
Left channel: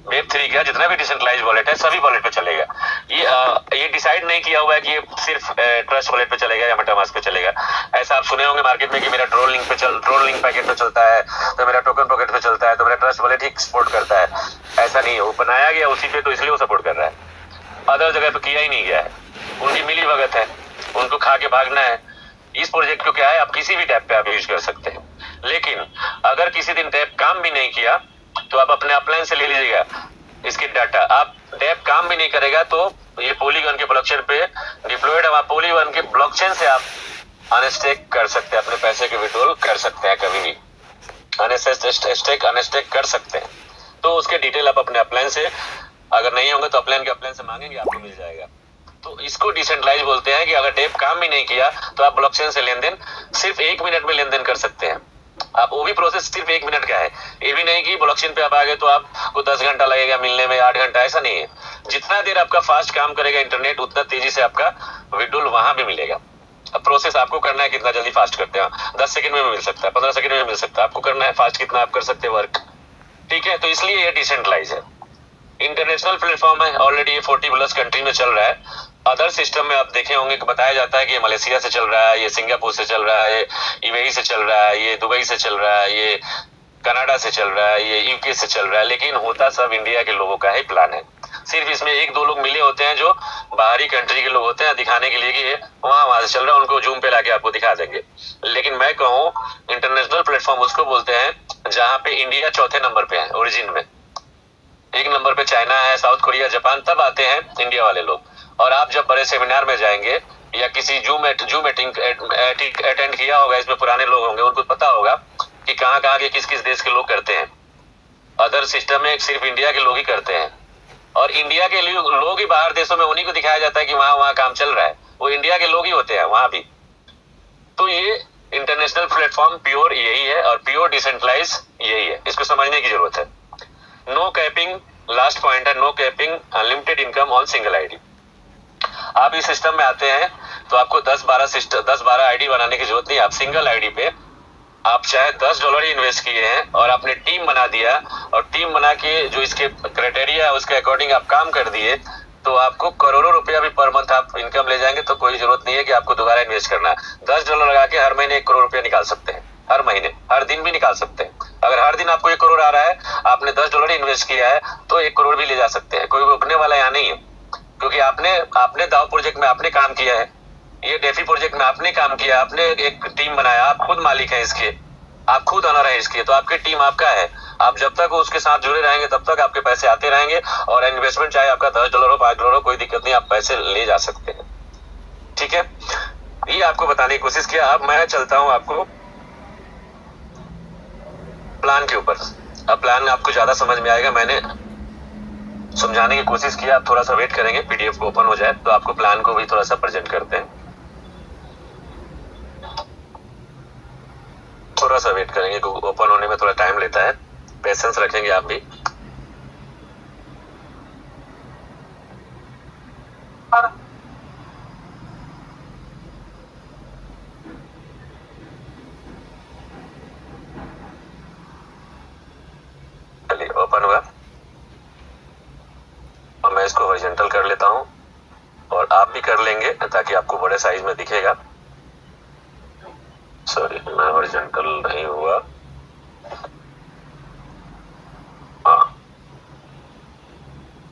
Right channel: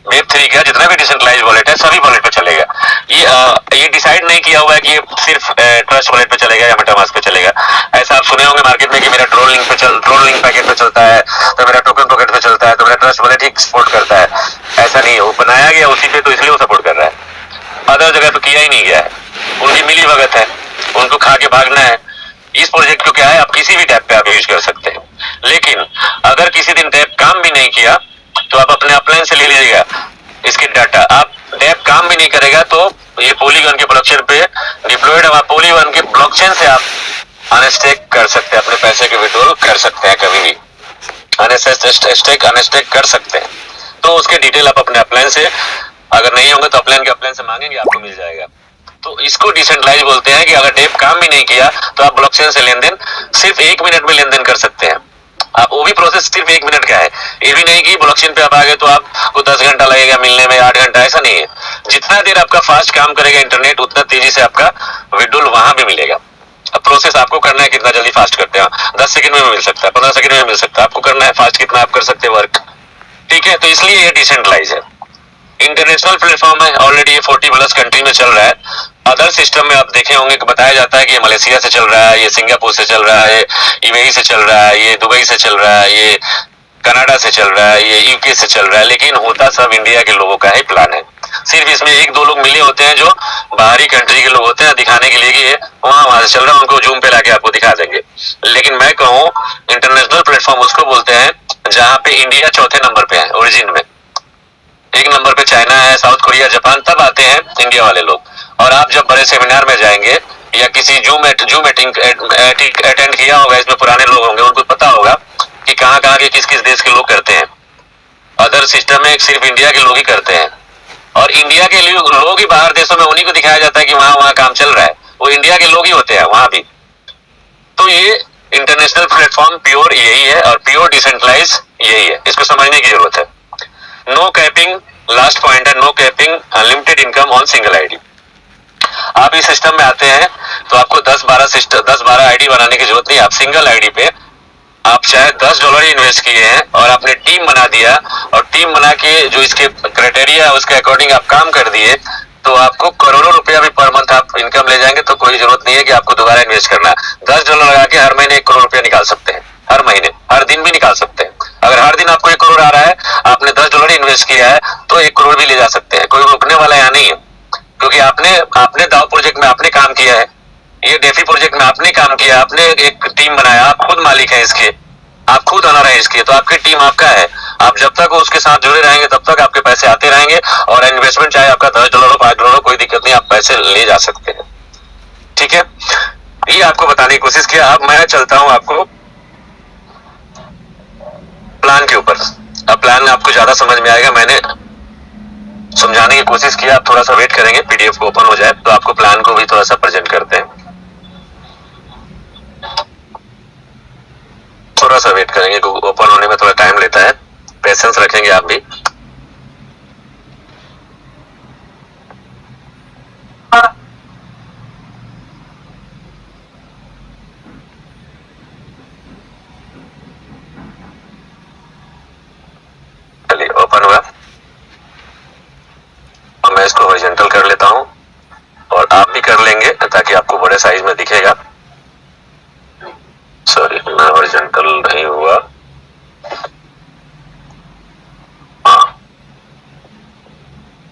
वेब3 का जितना भी डिसेंट्रलाइज वॉलेट है सभी वॉलेट पे चलेगा। ये डिसाइड नहीं किया हुआ है कि ये सिर्फ ट्रस्ट वॉलेट पे चलेगा या मेटामास्क पे चलेगा। ऐसा आप सुने होंगे मार्केट में कि मेरा ट्रोल लिंक पैकेट पे चलता है, तो मेरा टोकन पॉकेट पे चलता है, तो मेरा ट्रस्ट वॉलेट ही सपोर्ट करता है। ऐसा नहीं है, वो बनाया गया उसी पे, तो इसलिए वो सपोर्ट कर रहा है। अदर जगह तो किया ही नहीं गया है, उनकी मिली भगत है, उनको खा के भागना है। इस प्रोजेक्ट को क्या है, आप किसी भी टैब पे आप यूज कर सकते हैं, लेकिन अगर किसी दिन टैब काम भी नहीं किया तो आप अपने अपलाइन से ले लीजिएगा इसके डाटा। आप टैब काम भी नहीं करेगा तो ये पॉलीगन के ब्लॉकचेन पे डिप्लॉयड है, पॉलीगन के ब्लॉकचेन से आप अनस्टेक कर सकते हैं, अपने पैसे के विड्रॉल कर सकते हैं, कभी भी अनस्टेक कर सकते हैं। तो उसके डिटेल आप अपने अपलाइन से, अगर नहीं होंगे तो अपलाइन के अपलाइन से मांगेंगे, आपको मिल जाएगा। तो इसको डिसेंट्रलाइज बोलते हैं कि अगर टैब काम भी नहीं किया तो आप ब्लॉकचेन से लेन देन सिर्फ 1 मिनट में लेन देन कर सकते हैं। आप वो भी प्रोसेस सिर्फ 1 मिनट का है, ये भी नहीं कि ब्लॉकचेन पे आप आ गए तो आपको 10 घंटा लगेगा मिलने में, 8 घंटा, ऐसा नहीं है। जितना देर आपका फास्ट काम करेगा इंटरनेट, उतना तेजी से आपका विड्रॉल वहां भी मिलेगा। अब प्रोसेस आपको करना है कितना जल्दी फास्ट करते हैं, 10 सेकंड में मिल सकता है, 15 सेकंड में मिल सकता है, आपको करना है फास्ट कितना आप कर सकते हैं वर्क। ठीक है, तो इसलिए ये डिसेंट्रलाइज है, इंटरनेशनल प्लेटफॉर्म है, ऑलरेडी ये 40+ कंट्री में चल रहा है। अदर सिस्टम में आप देखे होंगे कि बताया जाता है कि ये मलेशिया से चल रहा है, ये सिंगापुर से चल रहा है, यूएई से चल रहा है, ये दुबई से चल रहा है, ये कनाडा से चल रहा है, ये यूके से चल रहा है, लेकिन होता सब इंडिया के लोगों का ही प्लान है। सिर्फ इसमें 1-2 लोग मिले होते हैं जो बाहरी कंट्री के लोग होते हैं, दिखाने के लिए कि ये वहां से चल रहा है, उनको जूम पे लाके आपको दिखा देंगे। लेकिन मैं कहूँ इंटरनेशनल प्लेटफॉर्म उसको बोलते हैं जहाँ पे इंडिया चौथे नंबर पे है ओरिजिन में, 1 नंबर पे चाइना है, साउथ कोरिया, जापान, तब आते हैं इंडिया वाले लोग। और आप जब बड़े सेमिनार में जाएंगे या किसी जूम मीटिंग अटेंड किया होगा, इसमें पुराने लोग होंगे, उनको पता होगा कि कहाँ कहाँ के किस किस देश के लोग करते हैं। अदर सिस्टम में सिर्फ इंडिया के लोग ही करते हैं, और इंडिया के लोग ही बाहर देशों में उन्हीं को दिखाया जाता है कि वहां वहां काम चल रहा है, वो इंडिया के लोग ही होते हैं वहां भी। तो ये इंटरनेशनल प्लेटफॉर्म प्योर यही है और प्योर डिसेंट्रलाइज यही है, इसको समझने की जरूरत है। नो कैपिंग, लास्ट पॉइंट है, no capping, unlimited income on single ID. आप इस सिस्टम में आते हैं तो आपको 10-12 आईडी बनाने की जरूरत नहीं। आप सिंगल आईडी पे आप चाहे $10 ही इन्वेस्ट किए हैं और आपने टीम बना दिया, और टीम बना के जो इसके क्राइटेरिया है उसके अकॉर्डिंग आप काम कर दिए, तो आपको करोड़ों रुपया भी पर मंथ आप इनकम ले जाएंगे। तो कोई जरूरत नहीं है कि आपको दोबारा इन्वेस्ट करना। $10 लगा के हर महीने 1 करोड़ रुपया निकाल सकते हैं, हर महीने, हर दिन भी निकाल सकते हैं। अगर हर दिन आपको 1 करोड़ आ रहा है, आपने $10 इन्वेस्ट किया है, तो 1 करोड़ भी ले जा सकते हैं, कोई रोकने वाला यहाँ नहीं है। क्योंकि आपने दाव प्रोजेक्ट में आपने काम किया है, ये डेफी प्रोजेक्ट में आपने काम किया, आपने एक टीम बनाया, आप खुद मालिक हैं इसके, आप खुद ओनर हैं इसके, तो आपकी टीम आपका है। आप जब तक उसके साथ जुड़े रहेंगे तब तक आपके पैसे आते रहेंगे, और इन्वेस्टमेंट चाहे आपका $10 हो, $5 हो, कोई दिक्कत नहीं, आप पैसे ले जा सकते हैं। ठीक है, ये आपको बताने की कोशिश किया। अब मैं चलता हूं आपको प्लान के ऊपर। अब प्लान आपको ज्यादा समझ में आएगा, मैंने समझाने की कोशिश किया। आप थोड़ा सा वेट करेंगे, पीडीएफ को ओपन हो जाए तो आपको प्लान को भी थोड़ा सा प्रेजेंट करते हैं। थोड़ा सा वेट करेंगे, ओपन होने में थोड़ा टाइम लेता है, पेशेंस रखेंगे आप भी। इसको हॉरिजॉन्टल कर लेता हूँ और आप भी कर लेंगे ताकि आपको बड़े साइज में दिखेगा। सॉरी, मैं हॉरिजॉन्टल नहीं हुआ। हाँ,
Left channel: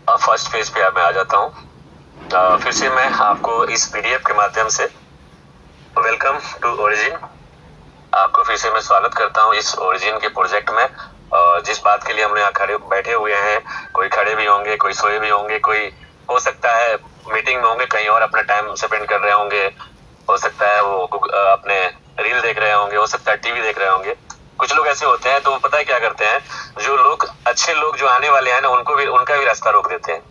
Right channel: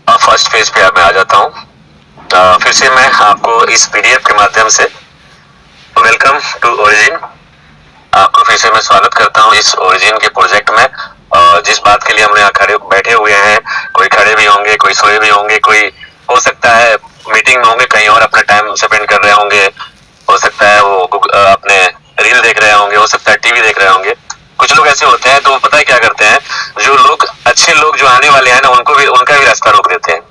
अब फर्स्ट पेज पे मैं आ जाता हूँ। फिर से मैं आपको इस पीडीएफ के माध्यम से वेलकम टू ओरिजिन, आपको फिर से मैं स्वागत करता हूँ इस ओरिजिन के प्रोजेक्ट में। जिस बात के लिए हम यहाँ खड़े बैठे हुए हैं, कोई खड़े भी होंगे, कोई सोए भी होंगे, कोई हो सकता है मीटिंग में होंगे, कहीं और अपना टाइम स्पेंड कर रहे होंगे, हो सकता है वो अपने रील देख रहे होंगे, हो सकता है टीवी देख रहे होंगे। कुछ लोग ऐसे होते हैं तो पता है क्या करते हैं, जो लोग अच्छे लोग जो आने वाले हैं ना उनका भी रास्ता रोक देते हैं।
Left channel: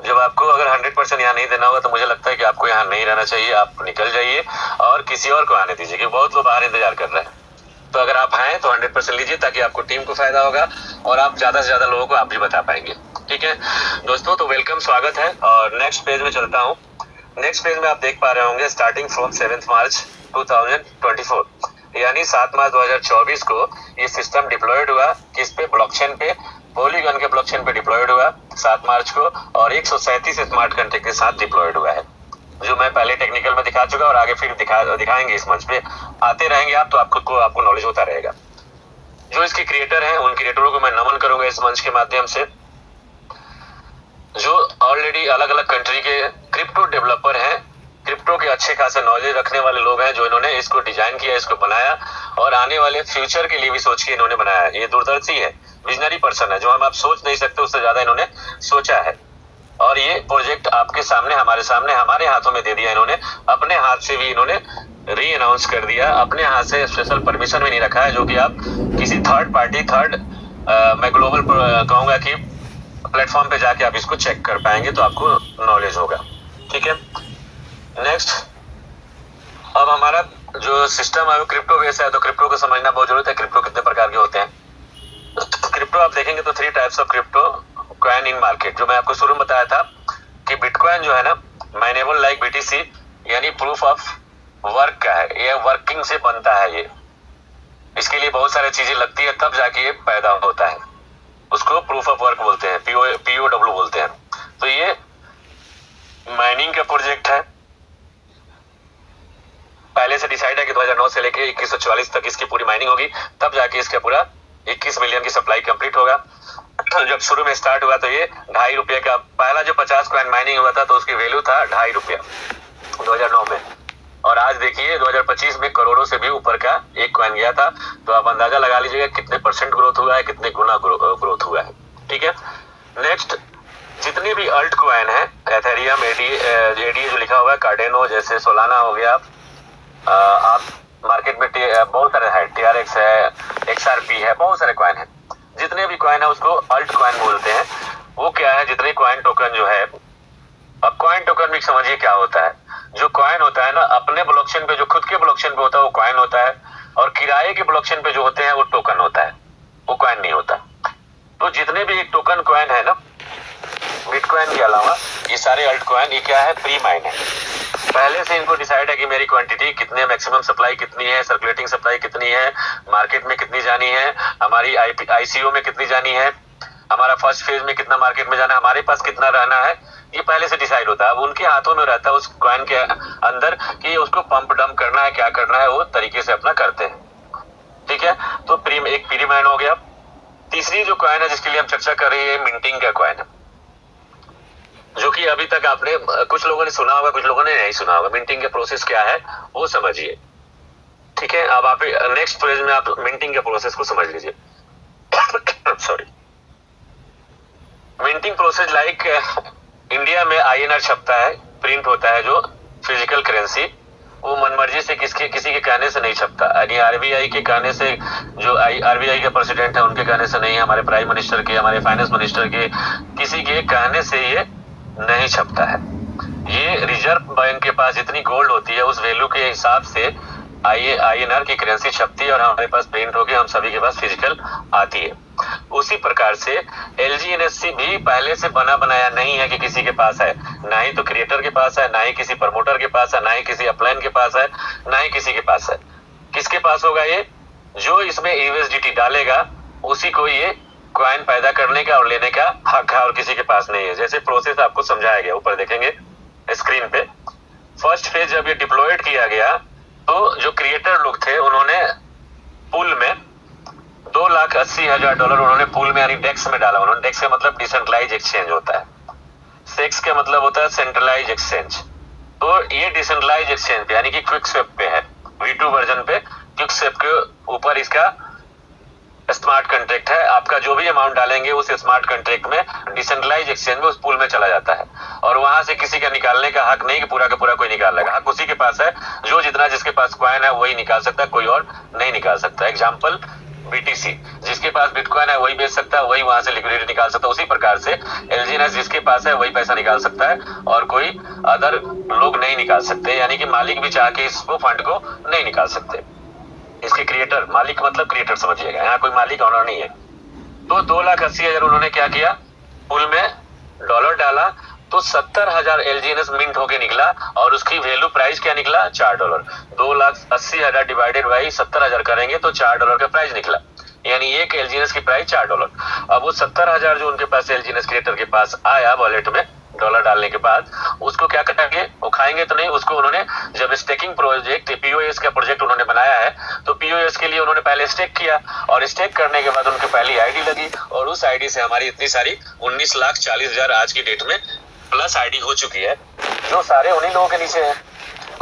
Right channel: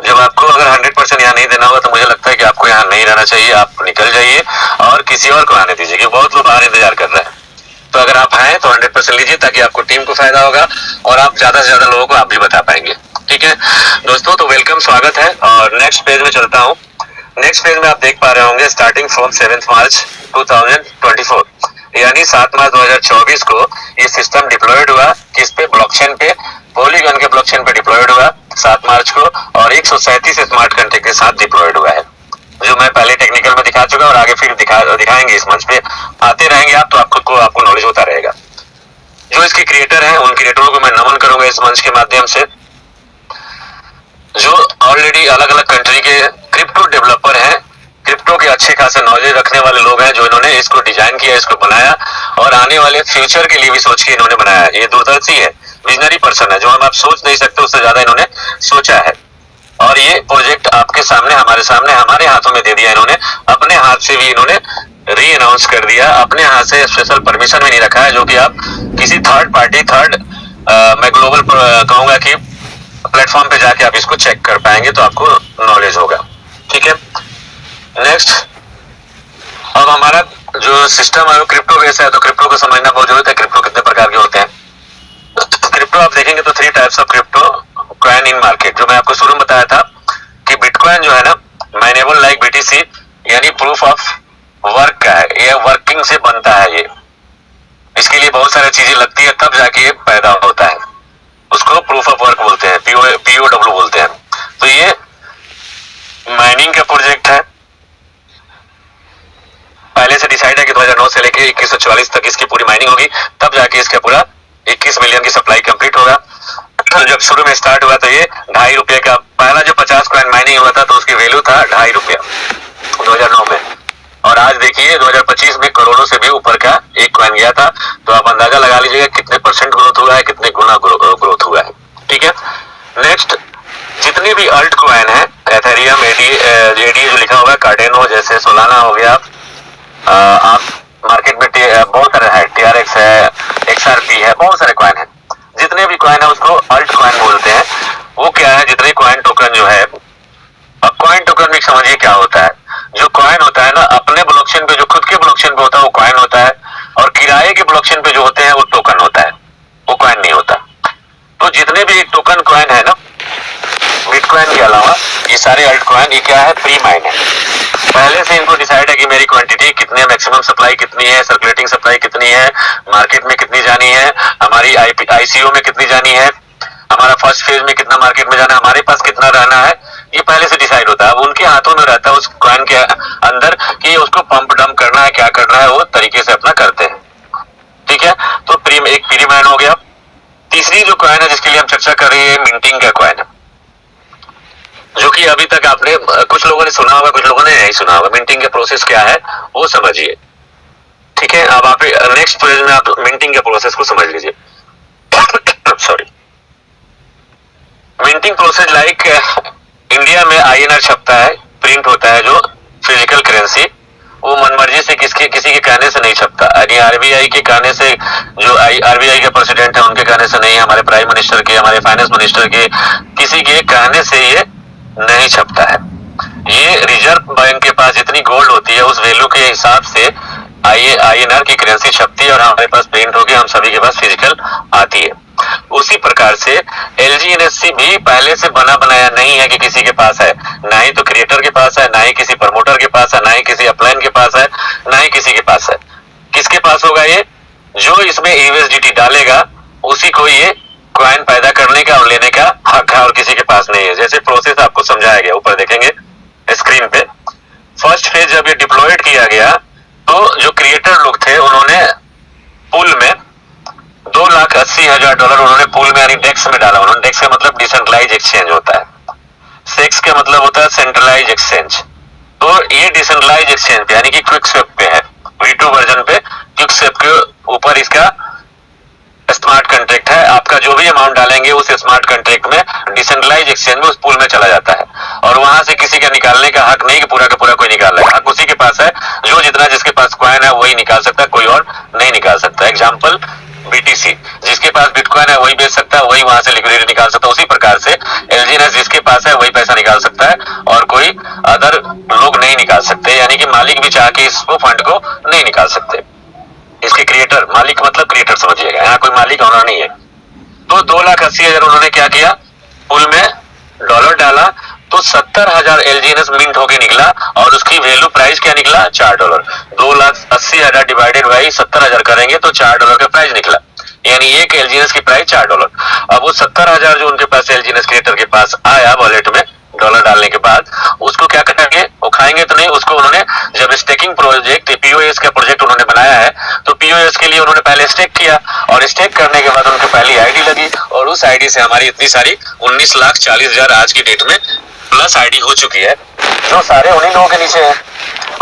जब आपको अगर 100% यहाँ नहीं देना होगा तो मुझे लगता है कि आपको यहाँ नहीं रहना चाहिए, आप निकल जाइए और किसी और को आने दीजिए, क्योंकि बहुत लोग बाहर इंतजार कर रहे हैं। तो अगर आप आए तो 100% लीजिए ताकि आपको टीम को फायदा होगा और आप ज्यादा से ज्यादा लोगों को आप भी बता पाएंगे। ठीक है दोस्तों, तो वेलकम, स्वागत है। और नेक्स्ट पेज में चलता हूँ। नेक्स्ट पेज में आप देख पा रहे होंगे स्टार्टिंग फ्रॉम 7 मार्च 2024, यानी 7 मार्च 2024 को ये सिस्टम डिप्लॉयड हुआ। किस पे? ब्लॉकचेन पे, पॉलीगन के ब्लॉकचेन पे डिप्लॉयड हुआ 7 मार्च को, और 137 स्मार्ट कॉन्ट्रैक्ट के साथ डिप्लॉयड हुआ है, जो मैं पहले टेक्निकल में दिखा चुका और आगे फिर दिखाएंगे इस मंच पे। आते रहेंगे आप तो आपको नॉलेज होता रहेगा। जो इसके क्रिएटर हैं उन क्रिएटरों को मैं नमन करूंगा इस मंच के माध्यम से, जो ऑलरेडी अलग अलग कंट्री के क्रिप्टो डेवलपर हैं, क्रिप्टो के अच्छे खासे नॉलेज रखने वाले लोग हैं, जो इन्होंने इसको डिजाइन किया, इसको बनाया और आने वाले फ्यूचर के लिए भी सोच के इन्होंने बनाया। ये दूरदर्शी है, विजनरी पर्सन है, जो हम आप सोच नहीं सकते उससे ज्यादा इन्होंने सोचा है। और ये प्रोजेक्ट आपके सामने, हमारे हाथों में दे दिया इन्होंने, अपने हाथ से भी इन्होंने री अनाउंस कर दिया, अपने हाथ से स्पेशल परमिशन भी नहीं रखा है, जो कि आप किसी थर्ड पार्टी मैं ग्लोबल कहूंगा कि प्लेटफॉर्म पे जाके आप इसको चेक कर पाएंगे तो आपको नॉलेज होगा। ठीक है, नेक्स्ट। अब हमारा जो सिस्टम है वो क्रिप्टो बेस है, तो क्रिप्टो को समझना बहुत जरूरी है। क्रिप्टो कितने प्रकार के होते हैं? क्रिप्टो आप देखेंगे तो 3 types of crypto coin in market, जो मैं आपको शुरू में बताया था कि बिटकॉइन जो है ना, माइनेबल लाइक बीटीसी, यानी प्रूफ ऑफ वर्क का है, ये वर्किंग से बनता है। ये इसके लिए बहुत सारी चीजें लगती है तब जाके ये पैदा होता है, उसको प्रूफ ऑफ वर्क बोलते हैं, POW बोलते हैं। तो ये माइनिंग का प्रोजेक्ट है, पहले से डिसाइड है कि 2009 से लेके 2144 तक इसकी पूरी माइनिंग होगी, तब जाके इसका पूरा 21 मिलियन की सप्लाई कंप्लीट होगा। तो जब शुरू में स्टार्ट हुआ तो ये ₹2.5 का, पहला जो 50 कॉइन माइनिंग हुआ था तो उसकी वैल्यू था ₹2.5 2009 में, और आज देखिए 2025 में करोड़ों से भी ऊपर का एक कॉइन गया था। तो आप अंदाजा लगा लीजिएगा कितने % ग्रोथ हुआ है, कितने गुना ग्रोथ हुआ है। ठीक है, नेक्स्ट, जितनी भी अल्ट कॉइन है, एथेरियम, ADA जो लिखा हुआ है, कार्डेनो जैसे, सोलाना हो गया, आप मार्केट में बहुत सारे है, TRX है, XRP है, बहुत सारे कॉइन है। जितने भी कॉइन है उसको अल्ट कॉइन बोलते हैं। वो क्या है? जितने कॉइन टोकन जो है, अब कॉइन टोकन भी समझिए क्या होता है। जो कॉइन होता है ना, अपने ब्लॉकचेन पे, जो खुद के ब्लॉकचेन पे होता है वो कॉइन होता है, और किराए के ब्लॉकचेन पे जो होते हैं वो टोकन होता है, वो कॉइन नहीं होता। तो जितने भी टोकन कॉइन है ना, बिटकॉइन के अलावा ये सारे अल्ट कॉइन, ये क्या है? प्री माइन है। पहले से इनको डिसाइड है कि मेरी क्वांटिटी कितनी है, मैक्सिमम सप्लाई कितनी है, सर्कुलेटिंग सप्लाई कितनी है, मार्केट में कितनी जानी है, हमारी ICO में कितनी जानी है, हमारा फर्स्ट फेज में कितना मार्केट में जाना है, हमारे पास कितना रहना है, ये पहले से डिसाइड होता है। अब उनके हाथों में रहता है उस कॉइन के अंदर कि उसको पंप डंप करना है, क्या करना है, वो तरीके से अपना करते हैं। ठीक है, तो एक प्री माइन हो गया। तीसरी जो कॉइन है जिसके लिए हम चर्चा कर रहे हैं, मिंटिंग का कॉइन है, जो कि अभी तक आपने, कुछ लोगों ने सुना होगा, कुछ लोगों ने नहीं सुना होगा। मिंटिंग का प्रोसेस क्या है वो समझिए। ठीक है, अब आप नेक्स्ट पेज में आप मिंटिंग के प्रोसेस को समझ लीजिए। Sorry, minting process like India में INR छपता है, प्रिंट होता है, जो फिजिकल करेंसी, वो मनमर्जी से किसी के कहने से नहीं छपता। यानी RBI के कहने से, जो RBI के प्रेसिडेंट है उनके कहने से नहीं, हमारे प्राइम मिनिस्टर के, हमारे फाइनेंस मिनिस्टर के, किसी के कहने से ये नहीं छपता है। ये रिजर्व बैंक के पास जितनी गोल्ड होती है उस वैल्यू के हिसाब से INR की करेंसी छपती है और हमारे पास प्रिंट होगी, हम सभी के पास फिजिकल आती है। उसी प्रकार से LG-NSC भी पहले से बना बनाया नहीं है कि किसी के पास है, ना ही तो क्रिएटर के पास है, ना ही किसी प्रमोटर के पास है, ना ही किसी अपलाइन के पास है, ना ही किसी के पास है। किसके पास होगा ये? जो इसमें USDT डालेगा उसी को ये कॉइन पैदा करने का और लेने का हक है और किसी के पास नहीं है। जैसे प्रोसेस आपको समझाया गया, ऊपर देखेंगे स्क्रीन पे। फर्स्ट फेज जब ये डिप्लॉयड किया गया तो जो क्रिएटर लोग थे उन्होंने पूल में $2,80,000 उन्होंने पूल में यानी डेक्स में डाला। उन्होंने डेक्स का मतलब डिसेंट्रलाइज एक्सचेंज होता है, सेक्स का मतलब होता है सेंट्रलाइज एक्सचेंज। तो ये डिसेंट्रलाइज एक्सचेंज पे यानी कि क्विक स्वेप पे है, V2 वर्जन पे क्विक स्वेप के ऊपर इसका स्मार्ट कॉन्ट्रैक्ट है। आपका जो भी अमाउंट डालेंगे उस स्मार्ट कॉन्ट्रैक्ट में डिसेंट्रलाइज एक्सचेंज में उस पूल में चला जाता है और वहां से किसी का निकालने का हक नहीं कि पूरा का पूरा कोई निकाल लेगा। हक उसी के पास है जो जितना जिसके पास कॉइन है वही निकाल सकता है, कोई और नहीं निकाल सकता। एग्जाम्पल BTC, जिसके पास बिटकॉइन है वही बेच सकता है, वही वहां से लिक्विडिटी निकाल सकता है। उसी प्रकार से LGNS जिसके पास है वही पैसा निकाल सकता है और कोई अदर लोग नहीं निकाल सकते, यानी कि मालिक भी चाह के इसको फंड को नहीं निकाल सकते। इसके क्रिएटर, मालिक मतलब क्रिएटर समझिएगा, यहाँ कोई मालिक होना नहीं है। तो 2,80,000 उन्होंने क्या किया, पूल में डॉलर डाला तो 70,000 LGNS मिंट होके निकला और उसकी वैल्यू प्राइस क्या निकला, $4। 2,80,000 डिवाइडेड बाई 70,000 करेंगे तो $4 का प्राइस निकला, यानी एक LGNS की प्राइस $4। अब वो 70,000 जो उनके पास LGNS क्रिएटर के पास आया वॉलेट में डॉलर डालने के बाद, उसको क्या करेंगे, वो खाएंगे तो नहीं, उसको उन्होंने जब स्टेकिंग प्रोजेक्ट POS का प्रोजेक्ट उन्होंने बनाया है तो POS के लिए उन्होंने पहले स्टेक किया और स्टेक करने के बाद उनकी पहली आईडी लगी और उस आईडी से हमारी इतनी सारी 19,40,000 आज की डेट में प्लस आईडी हो चुकी है, जो सारे उन्हीं लोगों के नीचे है।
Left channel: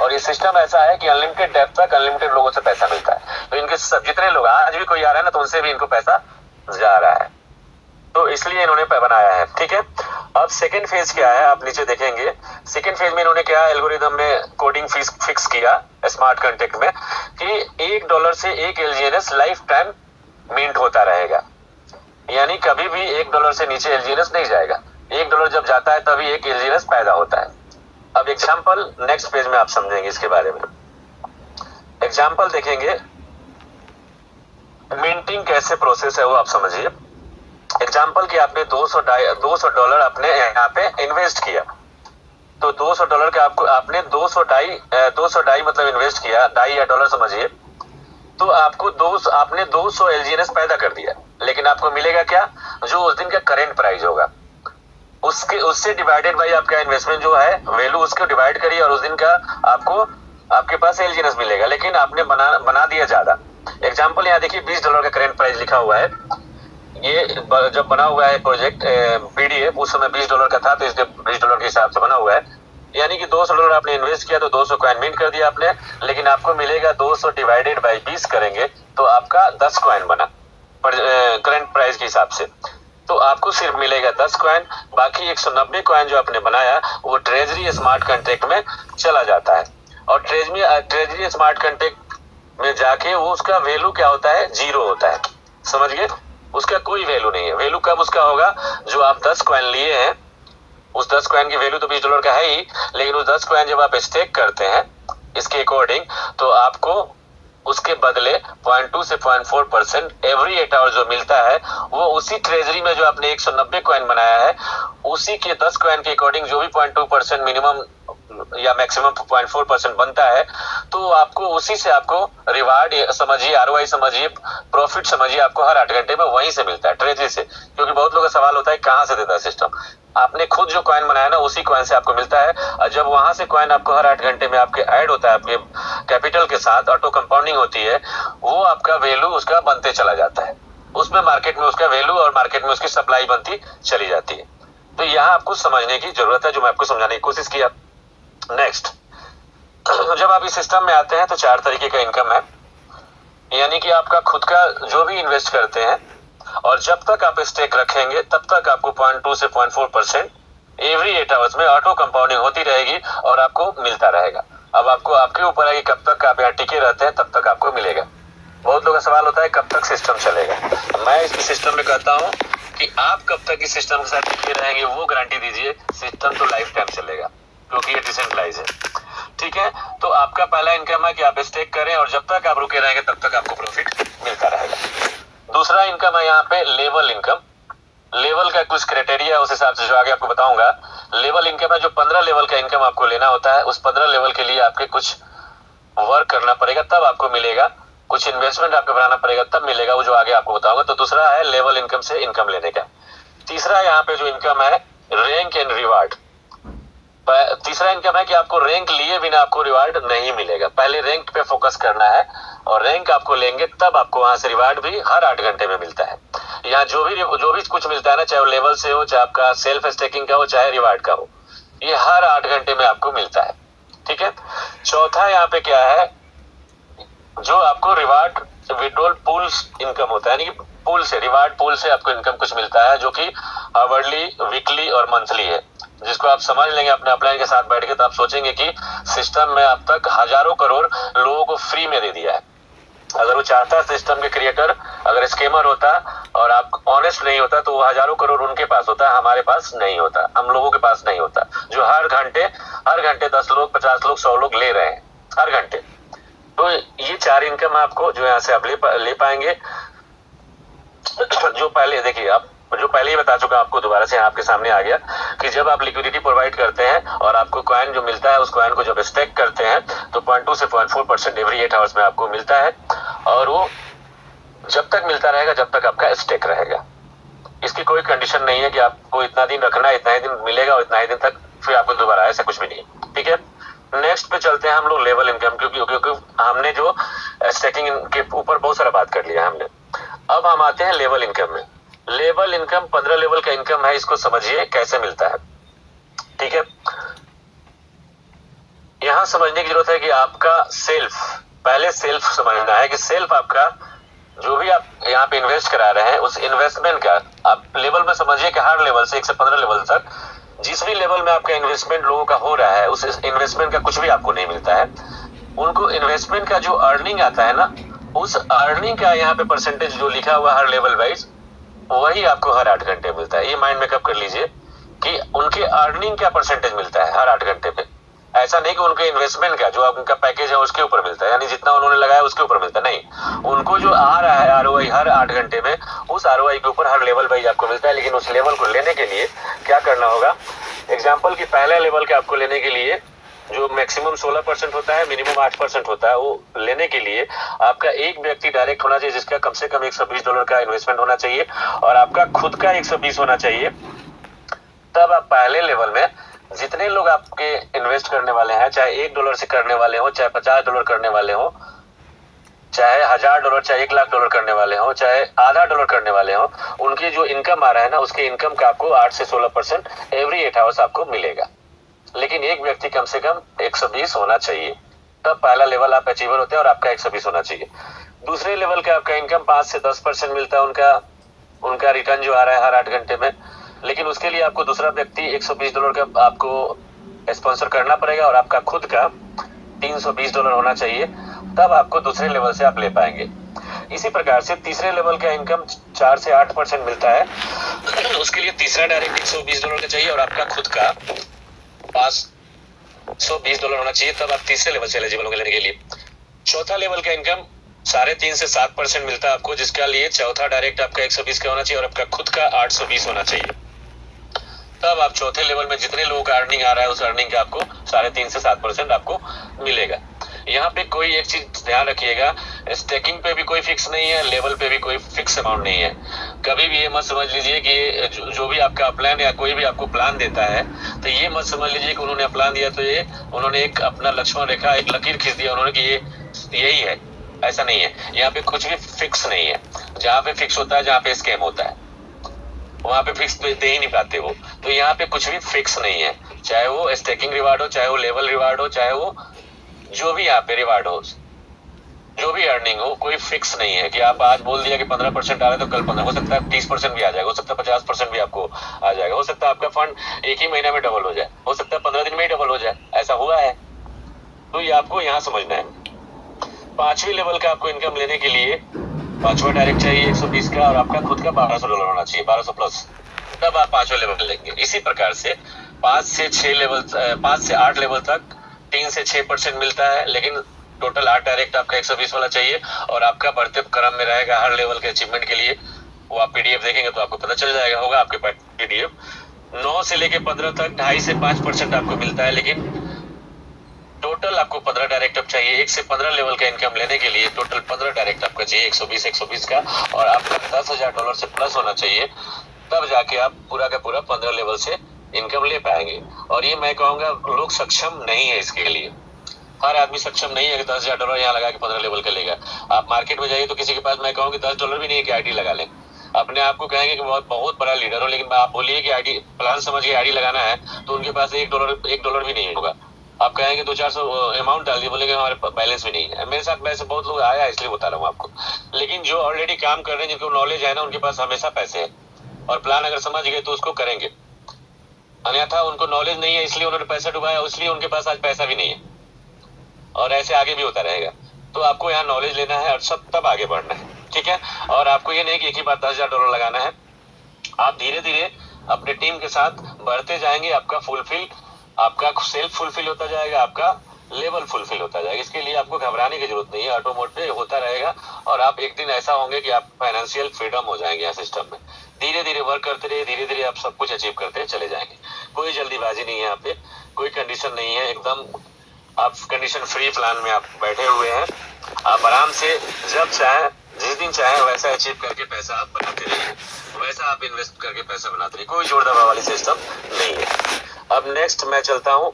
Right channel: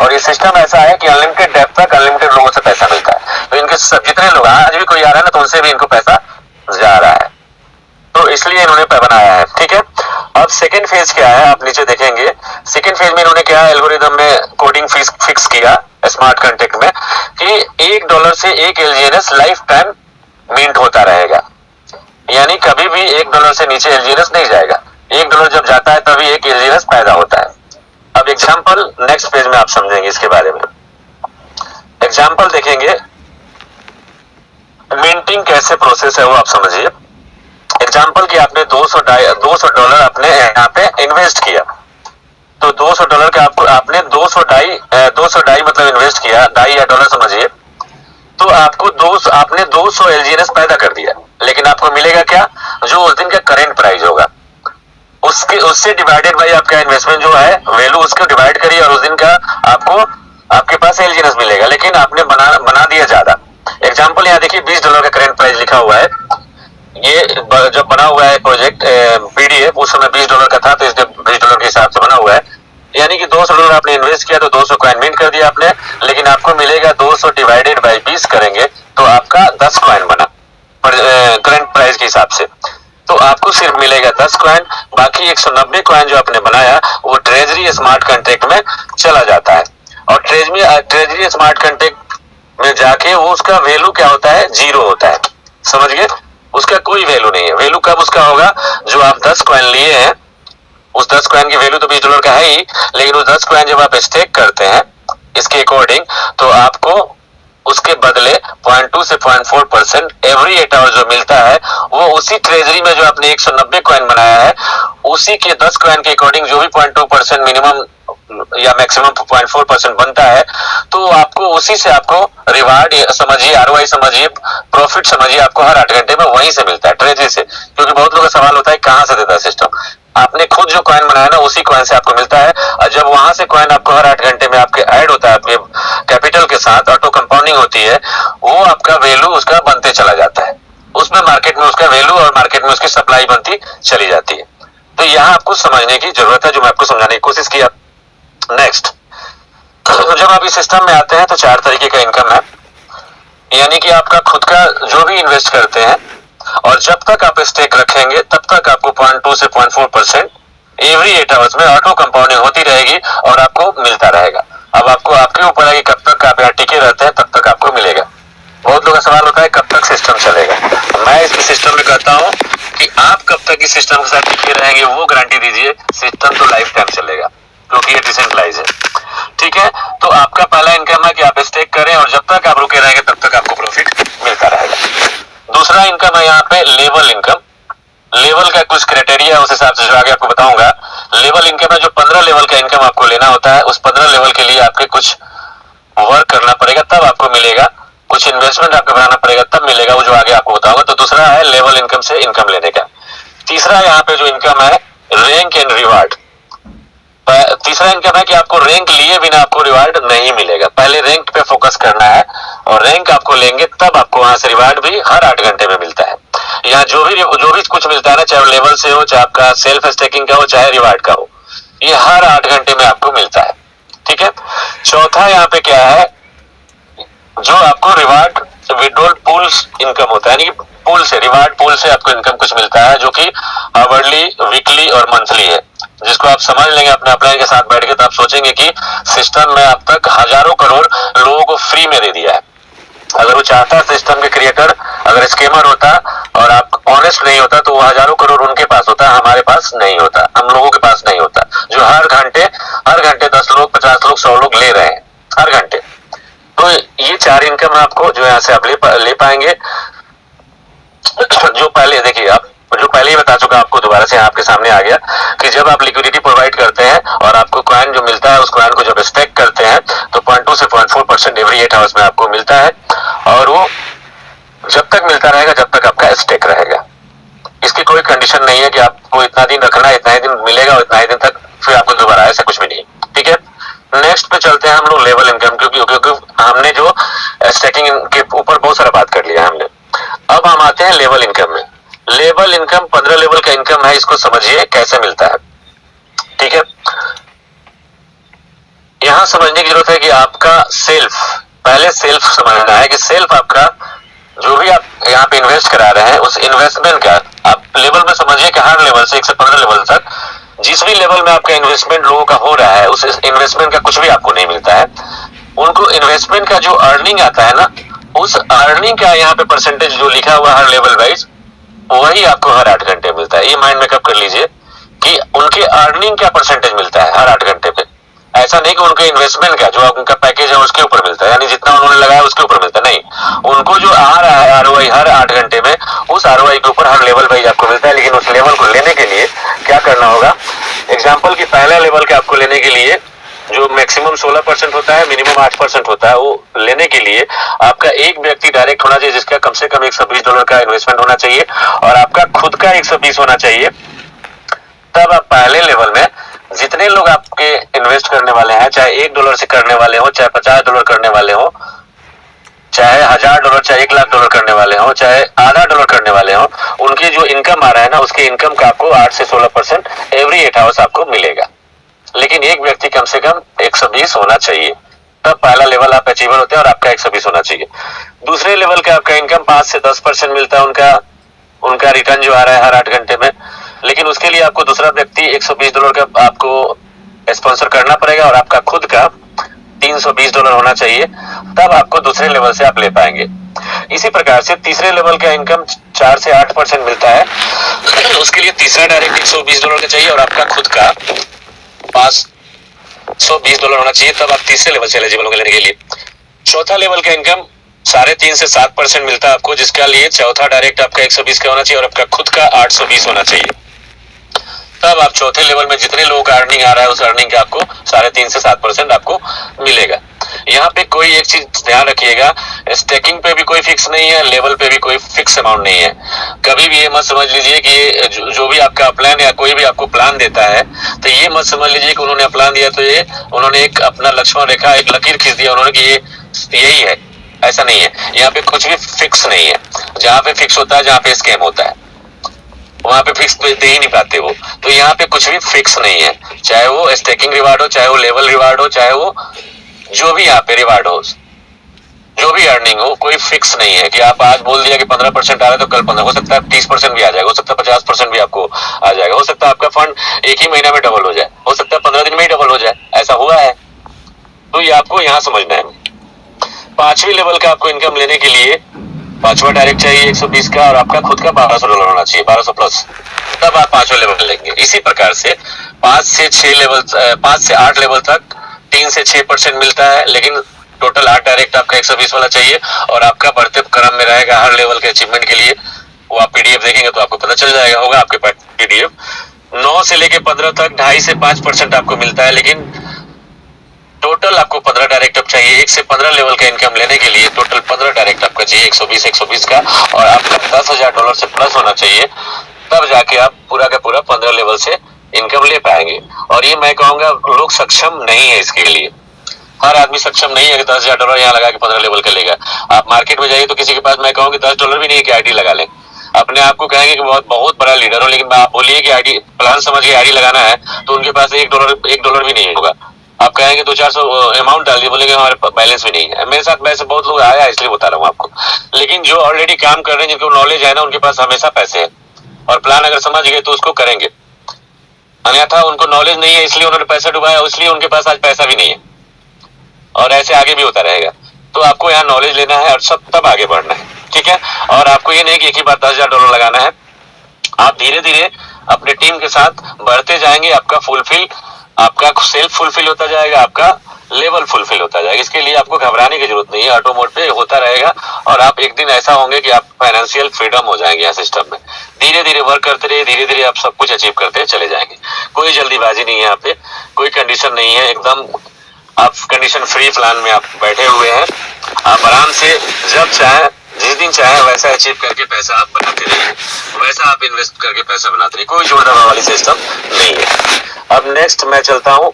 और ये सिस्टम ऐसा है कि अनलिमिटेड डेप्थ तक अनलिमिटेड लोगों से पैसा मिलता है। तो इनके सब जितने लोग आज भी कोई आ रहा है ना तो उनसे भी इनको पैसा जा रहा है, तो इसलिए इन्होंने बनाया है। ठीक है, अब सेकेंड फेज क्या है आप नीचे देखेंगे। सेकेंड फेज में इन्होंने क्या एल्गोरिदम में कोडिंग फीस फिक्स किया स्मार्ट कॉन्ट्रैक्ट में कि $1 से एक LGNS लाइफ टाइम मिंट होता रहेगा, यानी कभी भी $1 से नीचे LGNS नहीं जाएगा। $1 जब जाता है तभी एक LGNS पैदा होता है। अब एग्जाम्पल नेक्स्ट पेज में आप समझेंगे इसके बारे में। एग्जाम्पल देखेंगे, मिंटिंग कैसे प्रोसेस है वो आप समझिए। एग्जाम्पल कि आपने $200 अपने यहाँ पे इन्वेस्ट किया, तो $200 का आपने 200 डाई मतलब इन्वेस्ट किया, डाई या डॉलर समझिए, तो आपने 200 LGNS पैदा कर दिया, लेकिन आपको मिलेगा क्या, जो उस दिन का करेंट प्राइस होगा उससे डिवाइडेड बाई आपका इन्वेस्टमेंट जो है वैल्यू, उसको डिवाइड करिए और उस दिन का आपके पास LGNS मिलेगा, लेकिन आपने बना दिया ज्यादा। एग्जाम्पल यहाँ देखिए $20 का करेंट प्राइस लिखा हुआ है। ये जब बना हुआ है प्रोजेक्ट PDF उस समय $20 का था, तो इसलिए $20 के हिसाब से बना हुआ है, यानी कि $200 आपने इन्वेस्ट किया तो 200 कॉइन मिंट कर दिया आपने, लेकिन आपको मिलेगा 200 डिवाइडेड बाई 20 करेंगे तो आपका 10 कॉइन बना करंट प्राइस के हिसाब से, तो आपको सिर्फ मिलेगा 10 कॉइन। बाकी 190 कॉइन जो आपने बनाया वो ट्रेजरी स्मार्ट कॉन्ट्रैक्ट में चला जाता है और ट्रेजरी स्मार्ट कॉन्ट्रैक्ट में जाके वो उसका वैल्यू क्या होता है, 0 होता है। समझ गए, उसका कोई वैल्यू नहीं है। वैल्यू कब उसका होगा, जो आप 10 कॉइन लिए हैं उस 10 कॉइन की वैल्यू तो $20 का है ही, लेकिन उस 10 कॉइन जब आप स्टेक करते हैं इसके अकॉर्डिंग तो आपको उसके बदले 0.2 से 0.4% एवरी 8 आवर जो मिलता है वो उसी ट्रेजरी में जो आपने 190 कॉइन बनाया है उसी के 10 कॉइन के अकॉर्डिंग जो भी 0.2% मिनिमम या मैक्सिमम 0.4% बनता है, तो आपको उसी से आपको रिवार्ड समझिए, ROI समझिए, प्रॉफिट समझिए, आपको हर 8 घंटे में वहीं से मिलता है, ट्रेजरी से। क्योंकि बहुत लोगों का सवाल होता है कहाँ से देता है सिस्टम, आपने खुद जो कॉइन बनाया ना उसी कॉइन से आपको मिलता है, और जब वहां से कॉइन आपको हर 8 घंटे में आपके ऐड होता है आपके कैपिटल के साथ, ऑटो कंपाउंडिंग होती है, वो आपका वैल्यू उसका बनते चला जाता है, उसमें मार्केट में उसका वैल्यू और मार्केट में उसकी सप्लाई बनती चली जाती है। तो यहाँ आपको समझने की जरूरत है, जो मैं आपको समझाने की कोशिश किया। नेक्स्ट, जब आप इस सिस्टम में आते हैं तो 4 तरीके का इनकम है, यानी कि आपका खुद का जो भी इन्वेस्ट करते हैं और जब तक आप स्टेक रखेंगे तब तक आपको 0.2 से 0.4% एवरी 8 आवर्स में ऑटो कंपाउंडिंग होती रहेगी और आपको मिलता रहेगा। अब आपको आपके ऊपर है कि कब तक आप यहाँ टिके रहते हैं तब तक आपको मिलेगा। बहुत लोगों का सवाल होता है कब तक सिस्टम चलेगा, तो मैं इस सिस्टम में कहता हूँ कि आप कब तक इस सिस्टम के साथ टिके रहेंगे वो गारंटी दीजिए, सिस्टम तो लाइफ टाइम चलेगा क्योंकि ये डिसेंट्रलाइज है। ठीक है, तो आपका पहला इनकम है कि आप स्टेक करें और जब तक आप रुके रहेंगे तब तक आपको प्रॉफिट मिलता रहेगा। दूसरा इनकम है यहाँ पे लेवल इनकम। लेवल का कुछ क्राइटेरिया उस हिसाब से जो आगे आपको बताऊंगा। लेवल इनकम है जो 15 लेवल का इनकम आपको लेना होता है, उस 15 लेवल के लिए आपके कुछ वर्क करना पड़ेगा तब आपको मिलेगा, कुछ इन्वेस्टमेंट आपको बनाना पड़ेगा, तब मिलेगा वो जो आगे आपको बताऊंगा। तो दूसरा है लेवल इनकम से इनकम लेने का। तीसरा यहाँ पे जो इनकम है रैंक एंड रिवार्ड। तीसरा इनकम है कि आपको रैंक लिए बिना आपको रिवार्ड नहीं मिलेगा, पहले रैंक पे फोकस करना है और रैंक आपको लेंगे तब आपको वहां से रिवार्ड भी हर 8 घंटे में मिलता है। यहाँ जो भी कुछ मिलता है ना, चाहे लेवल से हो, चाहे आपका सेल्फ स्टेकिंग का हो, चाहे रिवार्ड का हो, ये हर 8 घंटे में आपको मिलता है। ठीक है। चौथा यहाँ पे क्या है, जो आपको रिवार्ड विड्रॉल पूल्स इनकम होता है, यानी कि पूल से, रिवार्ड पूल से आपको इनकम कुछ मिलता है जो कि आवरली, वीकली और मंथली है, जिसको आप समझ लेंगे अपने अपलाइन के साथ बैठ के, तो आप सोचेंगे कि सिस्टम में अब तक हजारों करोड़ लोगों को फ्री में दे दिया है। अगर वो चाहता, सिस्टम के क्रिएटर अगर स्कैमर होता और आप ऑनेस्ट नहीं होता, तो वो हजारों करोड़ उनके पास होता, हमारे पास नहीं होता, हम लोगों के पास नहीं होता, जो हर घंटे 10 लोग, 50 लोग, 100 लोग ले रहे हैं हर घंटे। तो ये 4 इनकम आपको जो यहाँ से आप ले पाएंगे। जो पहले देखिए, आप जो पहले ही बता चुका आपको, दोबारा से आपके सामने आ गया कि जब आप लिक्विडिटी प्रोवाइड करते हैं और आपको कॉइन जो मिलता है, उस कॉइन को जब स्टेक करते हैं तो 0.2 से 0.4% एवरी 8 आवर्स में आपको मिलता है, और वो जब तक मिलता रहेगा जब तक आपका स्टेक रहेगा। इसकी कोई कंडीशन नहीं है कि आपको इतना दिन रखना है, इतना ही दिन मिलेगा और इतना ही दिन तक फिर आपको दोबारा, ऐसा कुछ भी नहीं। ठीक है। नेक्स्ट पे चलते हैं हम लोग लेवल इनकम, क्योंकि हमने जो स्टेकिंग के ऊपर बहुत सारा बात कर लिया हमने। अब हम आते हैं लेवल इनकम में। लेवल इनकम 15 लेवल का इनकम है, इसको समझिए कैसे मिलता है। ठीक है। यहां समझने की जरूरत है कि आपका सेल्फ, पहले सेल्फ समझना है कि सेल्फ आपका जो भी आप यहाँ पे इन्वेस्ट करा रहे हैं, उस इन्वेस्टमेंट का आप लेवल में समझिए कि हर लेवल से 1 से 15 लेवल तक जिस भी लेवल में आपका इन्वेस्टमेंट लोगों का हो रहा है, उस इन्वेस्टमेंट का कुछ भी आपको नहीं मिलता है। उनको इन्वेस्टमेंट का जो अर्निंग आता है ना, उस अर्निंग का यहाँ पे परसेंटेज जो लिखा हुआ हर लेवल वाइज, वही आपको हर 8 घंटे मिलता है। ये माइंड मेकअप कर लीजिए कि उनके अर्निंग का परसेंटेज मिलता है हर 8 घंटे पे। ऐसा नहीं कि उनके इन्वेस्टमेंट का जो उनका पैकेज है उसके ऊपर मिलता है, यानी जितना उन्होंने लगाया उसके ऊपर मिलता है, नहीं, उनको जो आ रहा है आरओआई हर 8 घंटे में, उस आरओआई के ऊपर हर लेवल वाइज आपको मिलता है। लेकिन उस लेवल को लेने के लिए क्या करना होगा, एग्जाम्पल की पहला लेवल के आपको लेने के लिए जो मैक्सिमम 16% होता है, मिनिमम 8% होता है, वो लेने के लिए आपका एक व्यक्ति डायरेक्ट होना चाहिए जिसका कम से कम $120 का इन्वेस्टमेंट होना चाहिए और आपका खुद का 120 होना चाहिए। तब आप पहले लेवल में जितने लोग आपके इन्वेस्ट करने वाले हैं, चाहे $1 से करने वाले हो, चाहे $50 करने वाले हो, चाहे $1000, चाहे $1,00,000 करने वाले हो, चाहे आधा डॉलर करने वाले हो, उनकी जो इनकम आ रहा है ना, उसके इनकम का आपको 8 से 16% एवरी 8 आवर्स आपको मिलेगा। लेकिन एक व्यक्ति कम से कम 120 होना चाहिए, तब पहला लेवल आप अचीवर होते हैं और आपका 120 होना चाहिए। दूसरे लेवल का आपका इनकम 5 से 10% मिलता है, उनका रिटर्न जो आ रहा है हर 8 घंटे में। लेकिन उसके लिए आपको दूसरा व्यक्ति $120 का आपको स्पॉन्सर करना पड़ेगा और आपका खुद का $320 होना चाहिए, तब आपको दूसरे लेवल से आप ले पाएंगे। इसी प्रकार से तीसरे लेवल का इनकम 4 से 8% मिलता है, उसके लिए तीसरा डायरेक्ट $120 का चाहिए और आपका खुद का $520 होना चाहिए, तब आप तीसरे लेवल से एलिजिबल होंगे लेने के लिए। चौथा लेवल का इनकम 3.5 से 7% मिलता है आपको, जिसका लिए चौथा डायरेक्ट आपका 120 का होना चाहिए और आपका खुद का 820 होना चाहिए। तब आप चौथे लेवल में जितने लोगों का अर्निंग आ रहा है, उस अर्निंग का आपको 3.5 से 7% आपको मिलेगा। यहाँ पे कोई एक चीज ध्यान रखिएगा, स्टेकिंग पे भी कोई फिक्स नहीं है, लेवल पे भी कोई फिक्स अमाउंट नहीं है। कभी भी ये मत समझ लीजिए कि ये जो भी आपका प्लान या कोई भी आपको प्लान देता है, तो ये मत समझ लीजिए कि उन्होंने प्लान दिया तो ये उन्होंने एक अपना लक्ष्मण रेखा, एक लकीर खींच दिया उन्होंने कि ये यही है, ऐसा नहीं है। यहाँ पे कुछ भी फिक्स नहीं है। जहाँ पे फिक्स होता है, जहाँ पे स्कैम होता है, वहां पे फिक्स दे ही नहीं पाते वो। तो यहाँ पे कुछ भी फिक्स नहीं है, चाहे वो स्टेकिंग रिवार्ड हो, चाहे वो लेवल रिवार्ड हो, चाहे वो जो भी यहाँ पे रिवार्ड हो, जो भी अर्निंग हो, कोई फिक्स नहीं है कि आप आज बोल दिया कि 15% आ रहा है तो कल 15, हो सकता है 30% भी आ जाएगा, हो सकता है 50% भी आपको आ जाएगा, हो सकता है आपका फंड एक ही महीना में डबल हो जाए, हो सकता है 15 दिन में ही डबल हो जाए, ऐसा हुआ है। तो ये आपको यहाँ समझना है। 5वीं लेवल का आपको इनकम लेने के लिए 5वां डायरेक्ट चाहिए 120 का और आपका खुद का $1200 होना चाहिए, 1200 प्लस, तब आप 5वां लेवल लेंगे। इसी प्रकार से 5 से 8 लेवल तक 3 से 6% मिलता है, लेकिन टोटल 8 डायरेक्ट आपका 120 वाला चाहिए और आपका बढ़ते क्रम में रहेगा हर लेवल के अचीवमेंट के लिए। वो आप पीडीएफ देखेंगे तो आपको पता चल जाएगा, होगा आपके पास पीडीएफ। 9 से लेके 15 तक 2.5 से 5% आपको मिलता है, लेकिन टोटल आपको 15 डायरेक्ट अब चाहिए। 1 से 15 लेवल का इनकम लेने के लिए टोटल 15 डायरेक्ट आपका चाहिए, 120 का, और आपका $10,000 से प्लस होना चाहिए, तब जाके आप पूरा का पूरा 15 लेवल से इनकम ले पाएंगे। और ये मैं कहूंगा लोग सक्षम नहीं है इसके लिए, हर आदमी सक्षम नहीं है कि $10,000 यहाँ लगा के 15 लेवल का लेगा। आप मार्केट में जाइए तो किसी के पास मैं कहूँ कि $10 भी नहीं है कि आईडी लगा लें। अपने आप को कहेंगे कि बहुत बहुत बड़ा लीडर हो, लेकिन आप बोलिए कि आईडी प्लान समझ के आईडी लगाना है तो उनके पास $1 भी नहीं होगा। आप कहेंगे 200-400 अमाउंट डाल दिए, बोलेंगे हमारे बैलेंस भी नहीं है। मेरे साथ वैसे बहुत लोग आया है, इसलिए बता रहा हूँ आपको। लेकिन जो ऑलरेडी काम कर रहे हैं, जिनको नॉलेज है ना, उनके पास हमेशा पैसे है, और प्लान अगर समझ गए तो उसको करेंगे। अन्यथा उनको नॉलेज नहीं है, इसलिए उन्होंने पैसा डुबाया, इसलिए उनके पास आज पैसा भी नहीं है, और ऐसे आगे भी होता रहेगा। तो आपको यहाँ नॉलेज लेना है और सब तब आगे बढ़ना है, ठीक है। और आपको ये नहीं कि एक ही बार $10,000 लगाना है, आप धीरे धीरे अपने टीम के साथ बढ़ते जाएंगे। आपका सेल्फ फुलफिल होता जाएगा, आपका लेवल फुलफिल होता जाएगा। इसके लिए आपको घबराने की जरूरत नहीं है, ऑटो मोड पे होता रहेगा, और आप एक दिन ऐसा होंगे कि आप फाइनेंशियल फ्रीडम हो जाएंगे यहाँ सिस्टम में। धीरे धीरे वर्क करते रहिए, धीरे धीरे आप सब कुछ अचीव करते चले जाएंगे। कोई जल्दीबाजी नहीं है यहाँ पे, कोई कंडीशन नहीं है, एकदम आप कंडीशन फ्री प्लान में आप बैठे हुए हैं। आप आराम से जब चाहे, जिस दिन चाहे, वैसा अचीव करके पैसा आप बनाते रहिए, वैसा आप इन्वेस्ट करके पैसा बनाते रहिए। कोई जोड़ दबाव वाली सिस्टम नहीं है। अब नेक्स्ट मैं चलता हूँ।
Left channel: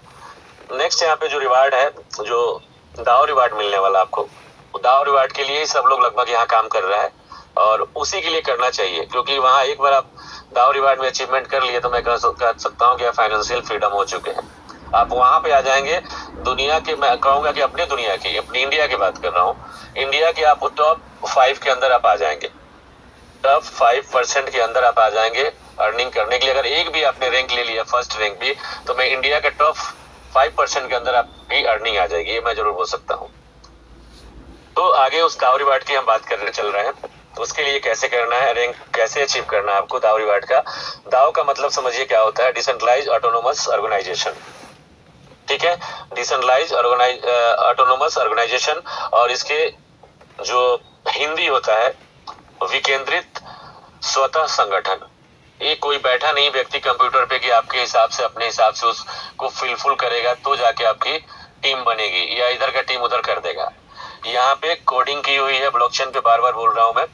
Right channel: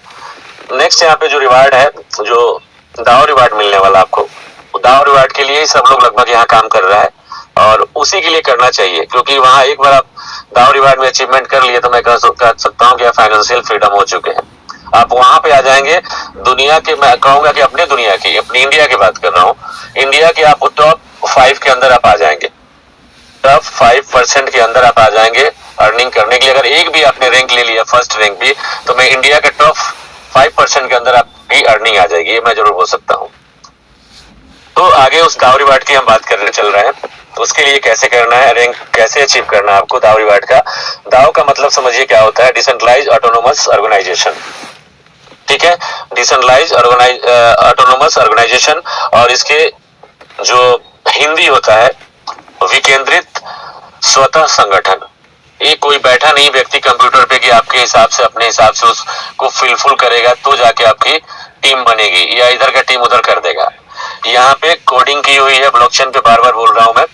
नेक्स्ट यहाँ पे जो रिवार्ड है, जो दाव रिवार्ड मिलने वाला आपको, दाव रिवार्ड के लिए ही सब लोग लगभग यहाँ काम कर रहा है, और उसी के लिए करना चाहिए, क्योंकि वहाँ एक बार आप दाव रिवार्ड में अचीवमेंट कर लिए तो मैं कह सकता हूँ कि आप फाइनेंशियल फ्रीडम हो चुके हैं। आप वहां पे आ जाएंगे दुनिया के, मैं कहूंगा कि अपने दुनिया की, अपनी इंडिया की बात कर रहा हूँ, इंडिया के आप टॉप 5 के अंदर आप आ जाएंगे, टॉप 5% के अंदर आप आ जाएंगे अर्निंग करने के लिए। अगर एक भी आपने रैंक ले लिया, फर्स्ट रैंक भी, तो मैं इंडिया के टॉप 5% के अंदर आपकी अर्निंग आ जाएगी, ये मैं जरूर बोल सकता हूँ। तो आगे उस दाव रिवार्ड की हम बात करने चल रहे हैं। तो उसके लिए कैसे करना है, रैंक कैसे अचीव करना है आपको दाव रिवार्ड का। दाव का मतलब समझिए क्या होता है, डिसेंट्रलाइज ऑटोनोमस ऑर्गेनाइजेशन, ठीक है। डिसेंट्रलाइज ऑटोनोमस ऑर्गेनाइजेशन, और इसके जो हिंदी होता है विकेंद्रित स्वतः संगठन। ये कोई बैठा नहीं व्यक्ति कंप्यूटर पे कि आपके हिसाब से, अपने हिसाब से उसको फिलफुल करेगा तो जाके आपकी टीम बनेगी, या इधर का टीम उधर कर देगा। यहाँ पे कोडिंग की हुई है ब्लॉकचेन पे, बार बार बोल रहा हूं मैं।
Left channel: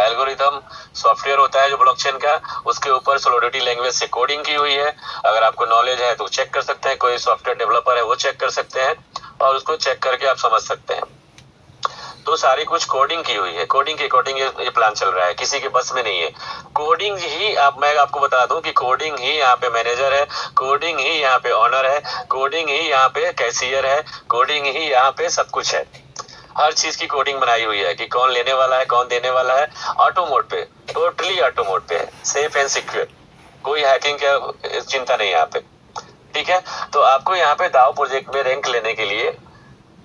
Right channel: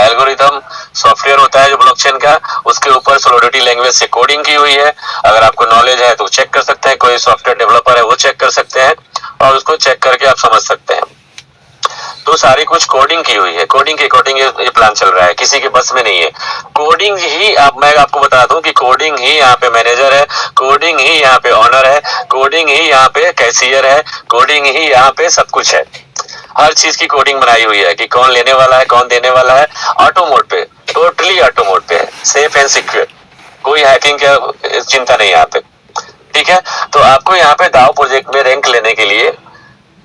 एल्गोरिथम सॉफ्टवेयर होता है जो ब्लॉकचेन का, उसके ऊपर सोलिडिटी लैंग्वेज से कोडिंग की हुई है। अगर आपको नॉलेज है तो चेक कर सकते हैं, कोई सॉफ्टवेयर डेवलपर है वो चेक कर सकते हैं, और उसको चेक करके आप समझ सकते हैं। तो सारी कुछ कोडिंग की हुई है, कोडिंग के अकॉर्डिंग ये प्लान चल रहा है, किसी के बस में नहीं है। कोडिंग ही मैं आपको बता दूं कि कोडिंग ही यहाँ पे मैनेजर है, कोडिंग ही यहाँ पे ऑनर है, कोडिंग ही यहाँ पे कैशियर है, कोडिंग ही यहाँ पे सब कुछ है। हर चीज की कोडिंग बनाई हुई है कि कौन लेने वाला है, कौन देने वाला है। ऑटो मोड पे, टोटली ऑटो मोड पे है, सेफ एंड सिक्योर, कोई हैकिंग का चिंता नहीं यहाँ पे, ठीक है। तो आपको यहाँ पे दाव प्रोजेक्ट में रैंक लेने के लिए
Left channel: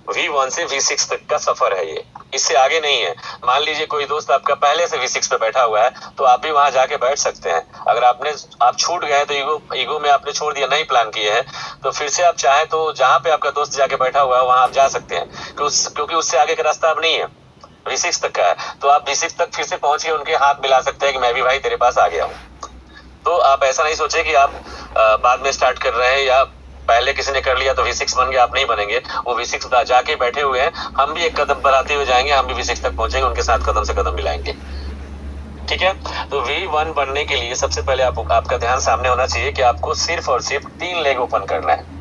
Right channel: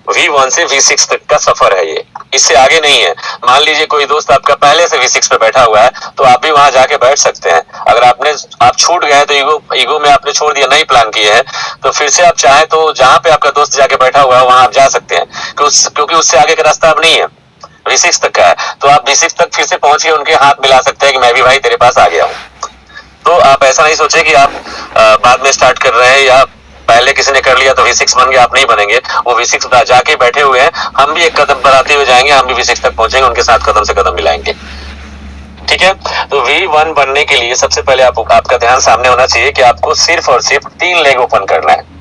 V1 से V6 तक का सफर है ये, इससे आगे नहीं है। मान लीजिए कोई दोस्त आपका पहले से V6 पे बैठा हुआ है, तो आप भी वहां जाके बैठ सकते हैं। अगर आप छूट गए तो ईगो में आपने छोड़ दिया, नहीं प्लान किए हैं, तो फिर से आप चाहे तो जहां पे आपका दोस्त जाके बैठा हुआ है वहां आप जा सकते हैं, क्योंकि उससे आगे का रास्ता अब नहीं है, V6 तक का है। तो आप V6 तक फिर से पहुंच के उनके हाथ मिला सकते हैं कि मैं भी भाई तेरे पास आ गया हूँ। तो आप ऐसा नहीं सोचे कि आप बाद में स्टार्ट कर रहे हैं, या पहले किसी ने कर लिया तो V6 बन गया, आप नहीं बनेंगे। वो V6 जाके बैठे हुए हैं, हम भी एक कदम बढ़ाते हुए जाएंगे, हम भी V6 तक पहुंचेंगे, उनके साथ कदम से कदम मिलाएंगे, ठीक है। तो V1 बनने के लिए सबसे पहले आपका ध्यान सामने होना चाहिए कि आपको सिर्फ और सिर्फ 3 लेग ओपन करना है।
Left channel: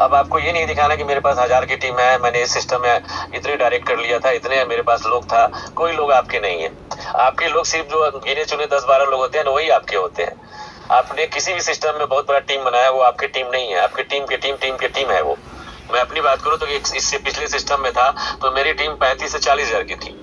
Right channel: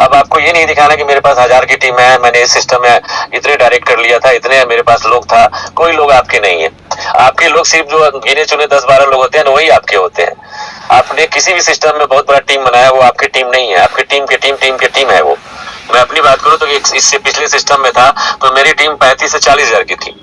अब आपको ये नहीं दिखाना कि मेरे पास 1000 की टीम है, मैंने इस सिस्टम में इतने डायरेक्ट कर लिया था, इतने मेरे पास लोग था। कोई लोग आपके नहीं है, आपके लोग सिर्फ जो गिने चुने 10-12 लोग होते हैं ना, वही आपके होते हैं। आपने किसी भी सिस्टम में बहुत बड़ा टीम बनाया, वो आपकी टीम नहीं है, आपकी टीम के टीम है वो। मैं अपनी बात करूं तो इससे पिछले सिस्टम में था तो मेरी टीम 35 से 40 हजार की थी,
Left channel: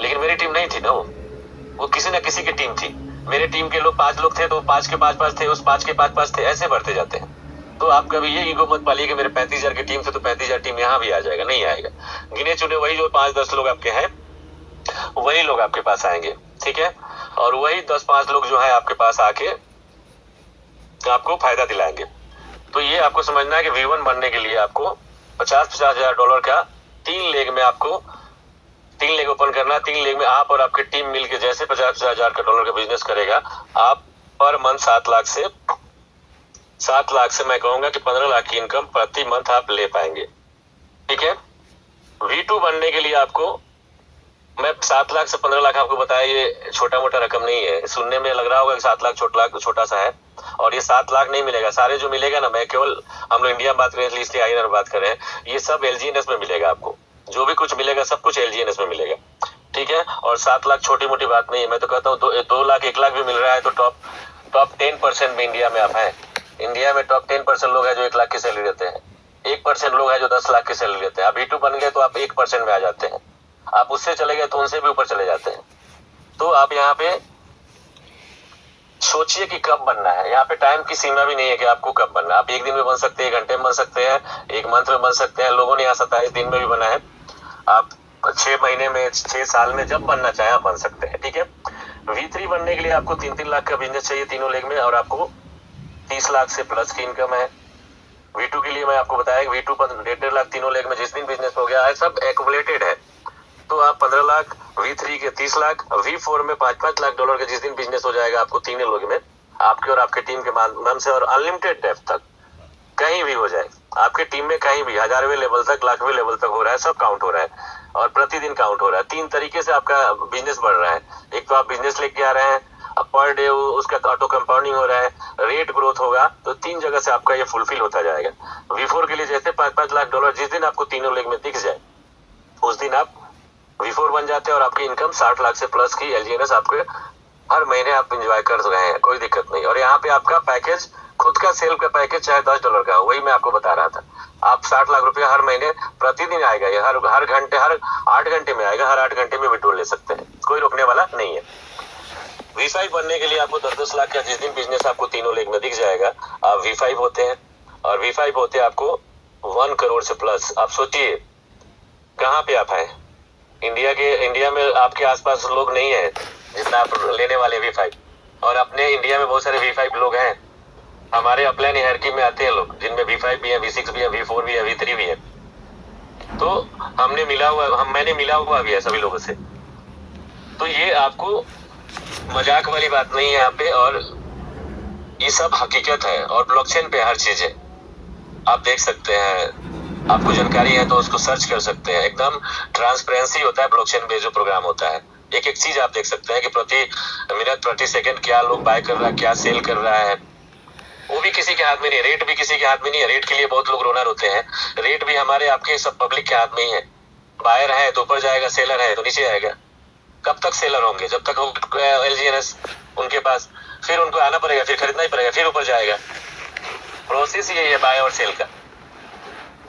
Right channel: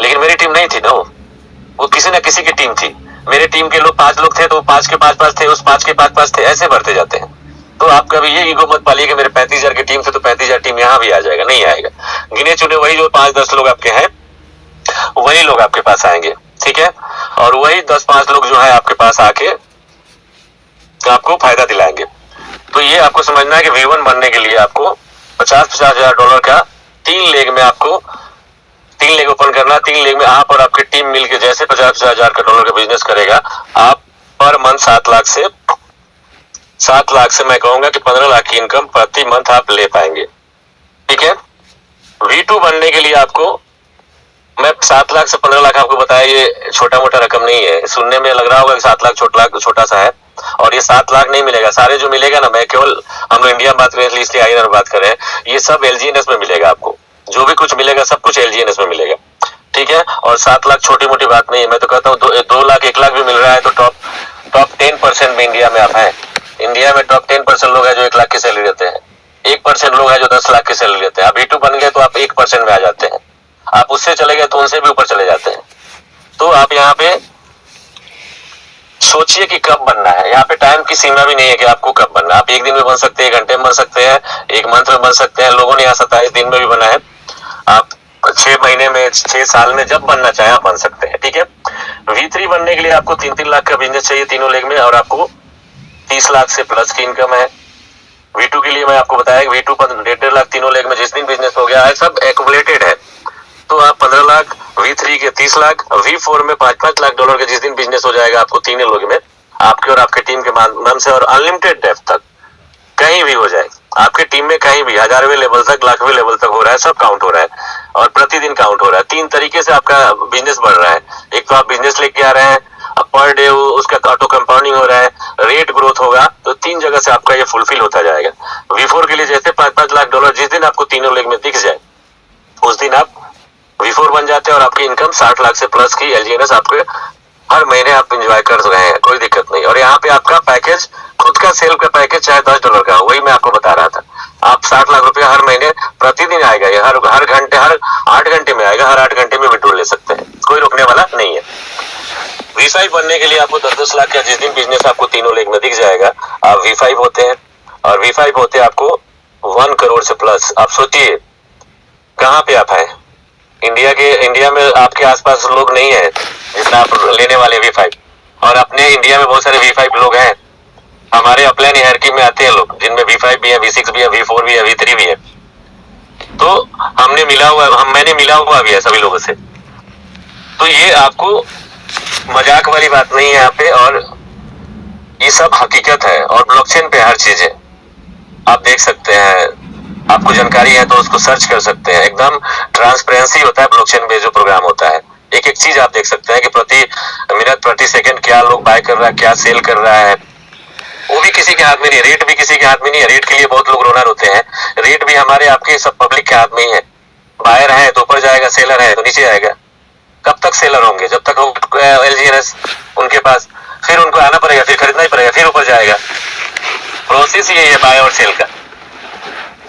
लेकिन मेरी टीम नहीं थी ना, वो किसी न किसी की टीम थी। मेरे टीम के लोग 5 लोग थे तो 5 के 5 थे, उस 5 के 5 थे, ऐसे बढ़ते जाते हैं। तो आप कभी ये ईगो मत पालिए कि मेरे 35,000 की टीम से तो 35,000 टीम यहाँ भी आ जाएगा, नहीं आएगा। गिने चुने वही जो 5-10 लोग आपके हैं, वही लोग आपके पास आएंगे, ठीक है। और वही 10-5 लोग जो है आपके पास आके आपको फायदा दिलाएंगे। तो ये आपको समझना है कि V1 बनने के लिए आपको 50-50 हजार डॉलर का 3 लेग में आपको 3 लेग ओपन करना। 3 लेग में आप और आपकी टीम मिलकर जैसे 50-50 हजार का डॉलर का बिजनेस करेगा, आप पर मंथ 7 लाख से 7 लाख से मैं कहूंगा कि 15 लाख की इनकम प्रति मंथ आप ले पाएंगे। ठीक है, V2 बनने के लिए आपको मैं 7 लाख से 15 लाख आपको बताया, ये छोटा मोटा रकम नहीं है। सुनने में लग रहा होगा कि 7 लाख छोटा सा है, और ये 7 लाख नहीं मिलेगा। सारे जो मिलेगा ना, मैं केवल हम लोग इंडिया में बात करें इसलिए INR बात कर रहे हैं, ये सब LGNS में मिलेगा आपको। जो भी कुछ मिलेगा सब कुछ LGNS में मिलेगा। ठीक है, और 7 लाख छोटी मोटी बात नहीं है। मैं तो कहता हूँ 2 लाख 1 लाख भी मिल रहा है तो टॉप 10% में इंडिया में आप हैं। इंडिया में टॉप 10% लोग हैं जो 1 लाख की सैलरी देते हैं, 1% लोग हैं जो 10 लाख की सैलरी देते हैं। आप V2 बन गए तो आप 1% में आ जाते हैं, आप उससे चले गए तो उनसे भी ऊपर चले जाते हैं। तो आप यहाँ पे सोचिए कि कब बनना है। यहाँ पे टाइम की सीमा भी नहीं है कि आपको कब बनना है। आप एक दिन में बन सकते हैं, 1 घंटे में बन सकते हैं, 1 मंथ में बन सकते हैं। लोगों ने यहाँ 27 दिन में भी बना है। आप 6 महीने में, 6 साल में जब बनना चाहे आप बन सकते हैं। ठीक है, V3 बनने के लिए आपको 3-3 लाख का बिजनेस चाहिए तीनों लेग में, और आपको 30 लाख से प्लस की इनकम है। V2 के लिए मैं आपको बताया V2 पर 1.5 लाख तीनों लेग में जिस दिन बिजनेस हो गया है, सब एक्युमुलेटेड है। तो आप 15 लाख, V3 के 30 लाख, V4 में $5-5 लाख के जिस दिन बिजनेस हो जाएगा आपको तीनों लोग में, आपके और आपके टीम के माध्यम से, और अनलिमिटेड डेप्थ तक कहीं भी हो जाए आपके टीम में, कहीं भी 1000वें लेवल तक, लाखवें लेवल तक हो रहा है, सब काउंट हो रहा है और प्रतिदिन काउंट हो रहा है। 3 तरीके से आपका बिजनेस बढ़ रहा है। एक तो आप बिजनेस लेके आ रहे हैं, अब पर डे उसका ऑटो कंपाउंडिंग हो रहा है, रेट ग्रोथ होगा, तो 3 जगह से आपका ये फुलफिल होता जाएगा। V4 के लिए जैसे $5-5 लाख जिस दिन आपको तीनों लेग में दिख जाए उस दिन आप V4 बन जाते हैं, और आपकी इनकम 60 लाख से प्लस की LGNS आपके हर महीने आप एंजॉय कर रहे हैं, कोई दिक्कत नहीं। और यहाँ पे आपका पैकेज, खुद का सेल का पैकेज चाहे $10 का हो, वही मैं आपको बता रहा था। आप 60 लाख रुपया हर महीने प्रतिदिन आएगा, ये हर घंटे, हर 8 घंटे में आएगा, हर 8 घंटे में विड्रॉल ले सकते हैं, कोई रोकने वाला नहीं है। V5 बनने के लिए आपको 10-10 लाख का जिस दिन बिजनेस आपको तीनों लेग में दिख जाएगा, आप V5 होते हैं, और V5 होते आपको 1 करोड़ से प्लस। आप सोचिए कहाँ पे आप हैं। इंडिया में आपके आसपास लोग नहीं है जितना आप लेने वाले V5, और अपने इंडिया में बहुत सारे V5 लोग हैं। हमारे अपलाइन हायरार्की में आते हैं लोग जिनमें V5 भी है, V6 भी है, V4 भी है, V3 भी है। तो मैंने मिला हुआ भी है सभी लोगों से। तो ये आपको मजाक वाली बात नहीं है यहाँ पे, और ये सब हकीकत है, और ब्लॉकचेन पे हर चीज है। आप देख सकते हैं, आपको जानकारी है तो उसको सर्च कर सकते हैं। एकदम ट्रांसपेरेंसी होता है ब्लॉकचेन पे जो प्रोग्राम होता है। एक एक चीज आप देख सकते हैं कि प्रति मिनट, प्रति सेकंड क्या लोग बाय कर रहा है, क्या सेल कर रहा है। वो भी किसी के हाथ में नहीं है, रेट भी किसी के हाथ में नहीं है। रेट के लिए बहुत लोग रोना रोते हैं, रेट भी हमारे आपके सब पब्लिक के हाथ में ही है। बायर है तो ऊपर जाएगा, सेलर है तो नीचे आएगा। कब तक सेलर होंगे? जब तक LGNS उनके पास, फिर उनको आना पड़ेगा, फिर खरीदना ही पड़ेगा, फिर ऊपर जाएगा। प्रोसेस ये है बाय और सेल का,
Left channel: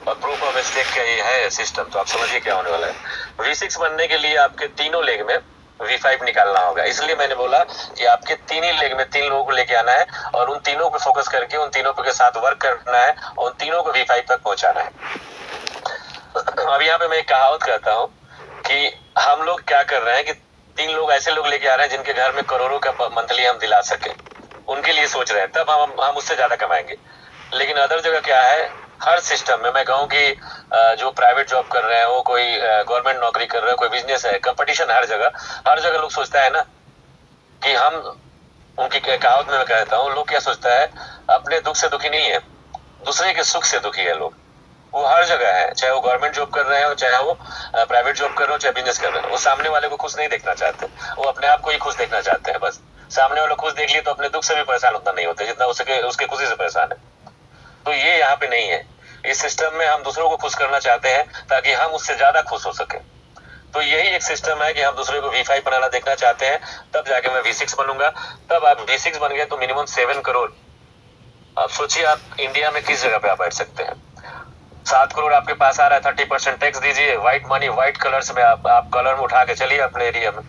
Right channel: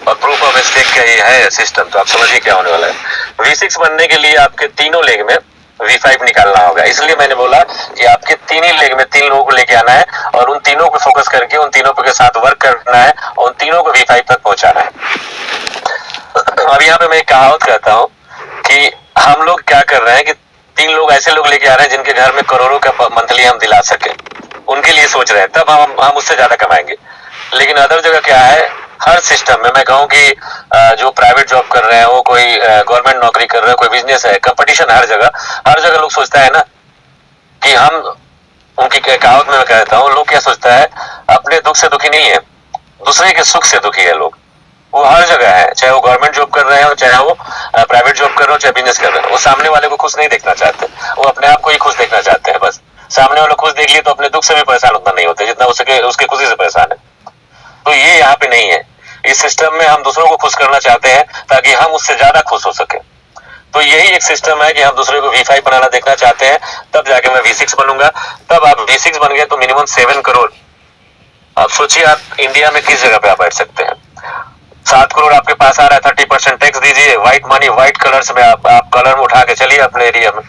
और प्रूफ ऑफ स्टेक का ये है सिस्टम। तो आप समझिए क्या होने वाला है। V6 बनने के लिए आपके तीनों लेग में V5 निकालना होगा। इसलिए मैंने बोला कि आपके 3 ही लेग में 3 लोगों को लेके आना है, और उन तीनों को फोकस करके उन तीनों के साथ वर्क करना है, और उन तीनों को V5 तक पहुंचाना है। अब यहाँ पे मैं एक कहावत कहता हूँ कि हम लोग क्या कर रहे हैं कि 3 लोग ऐसे लोग लेके आ रहे हैं जिनके घर में करोड़ों का मंथली हम दिला सके, उनके लिए सोच रहे हैं, तब हम उससे ज्यादा कमाएंगे। लेकिन अदर जगह क्या है, हर सिस्टम में मैं कहूँ कि जो प्राइवेट जॉब कर रहे हैं, वो कोई गवर्नमेंट नौकरी कर रहे हैं, कोई बिजनेस है, कंपटीशन हर जगह लोग सोचता है ना कि हम, उनकी कहावत में मैं कहता हूँ, लोग क्या सोचता है, अपने दुख से दुखी नहीं है, दूसरे के सुख से दुखी है लोग। वो हर जगह है, चाहे वो गवर्नमेंट जॉब कर रहे हो, चाहे वो प्राइवेट जॉब कर रहे हो, चाहे बिजनेस कर रहे हो। वो सामने वाले को खुश नहीं देखना चाहते, वो अपने आप को ही खुश देखना चाहते हैं बस। सामने वाले खुश देख लिए तो अपने दुख से भी परेशान उतना नहीं होते जितना उसके खुशी से परेशान है। तो ये यहाँ पे नहीं है। इस सिस्टम में हम दूसरों को खुश करना चाहते हैं ताकि हम उससे ज्यादा खुश हो सके। तो यही एक सिस्टम है कि हम दूसरे को V5 बनाना देखना चाहते हैं, तब जाके मैं V6 बनूंगा। तब आप V6 बन गए तो मिनिमम 7 करोड़। आप सोचिए आप इंडिया में किस जगह पे आप बैठ सकते हैं। 7 करोड़ आपके पास आ रहा है, 30% टैक्स दीजिए, व्हाइट मनी, व्हाइट कलर्स में आप कलर में उठा के चलिए अपने एरिया में,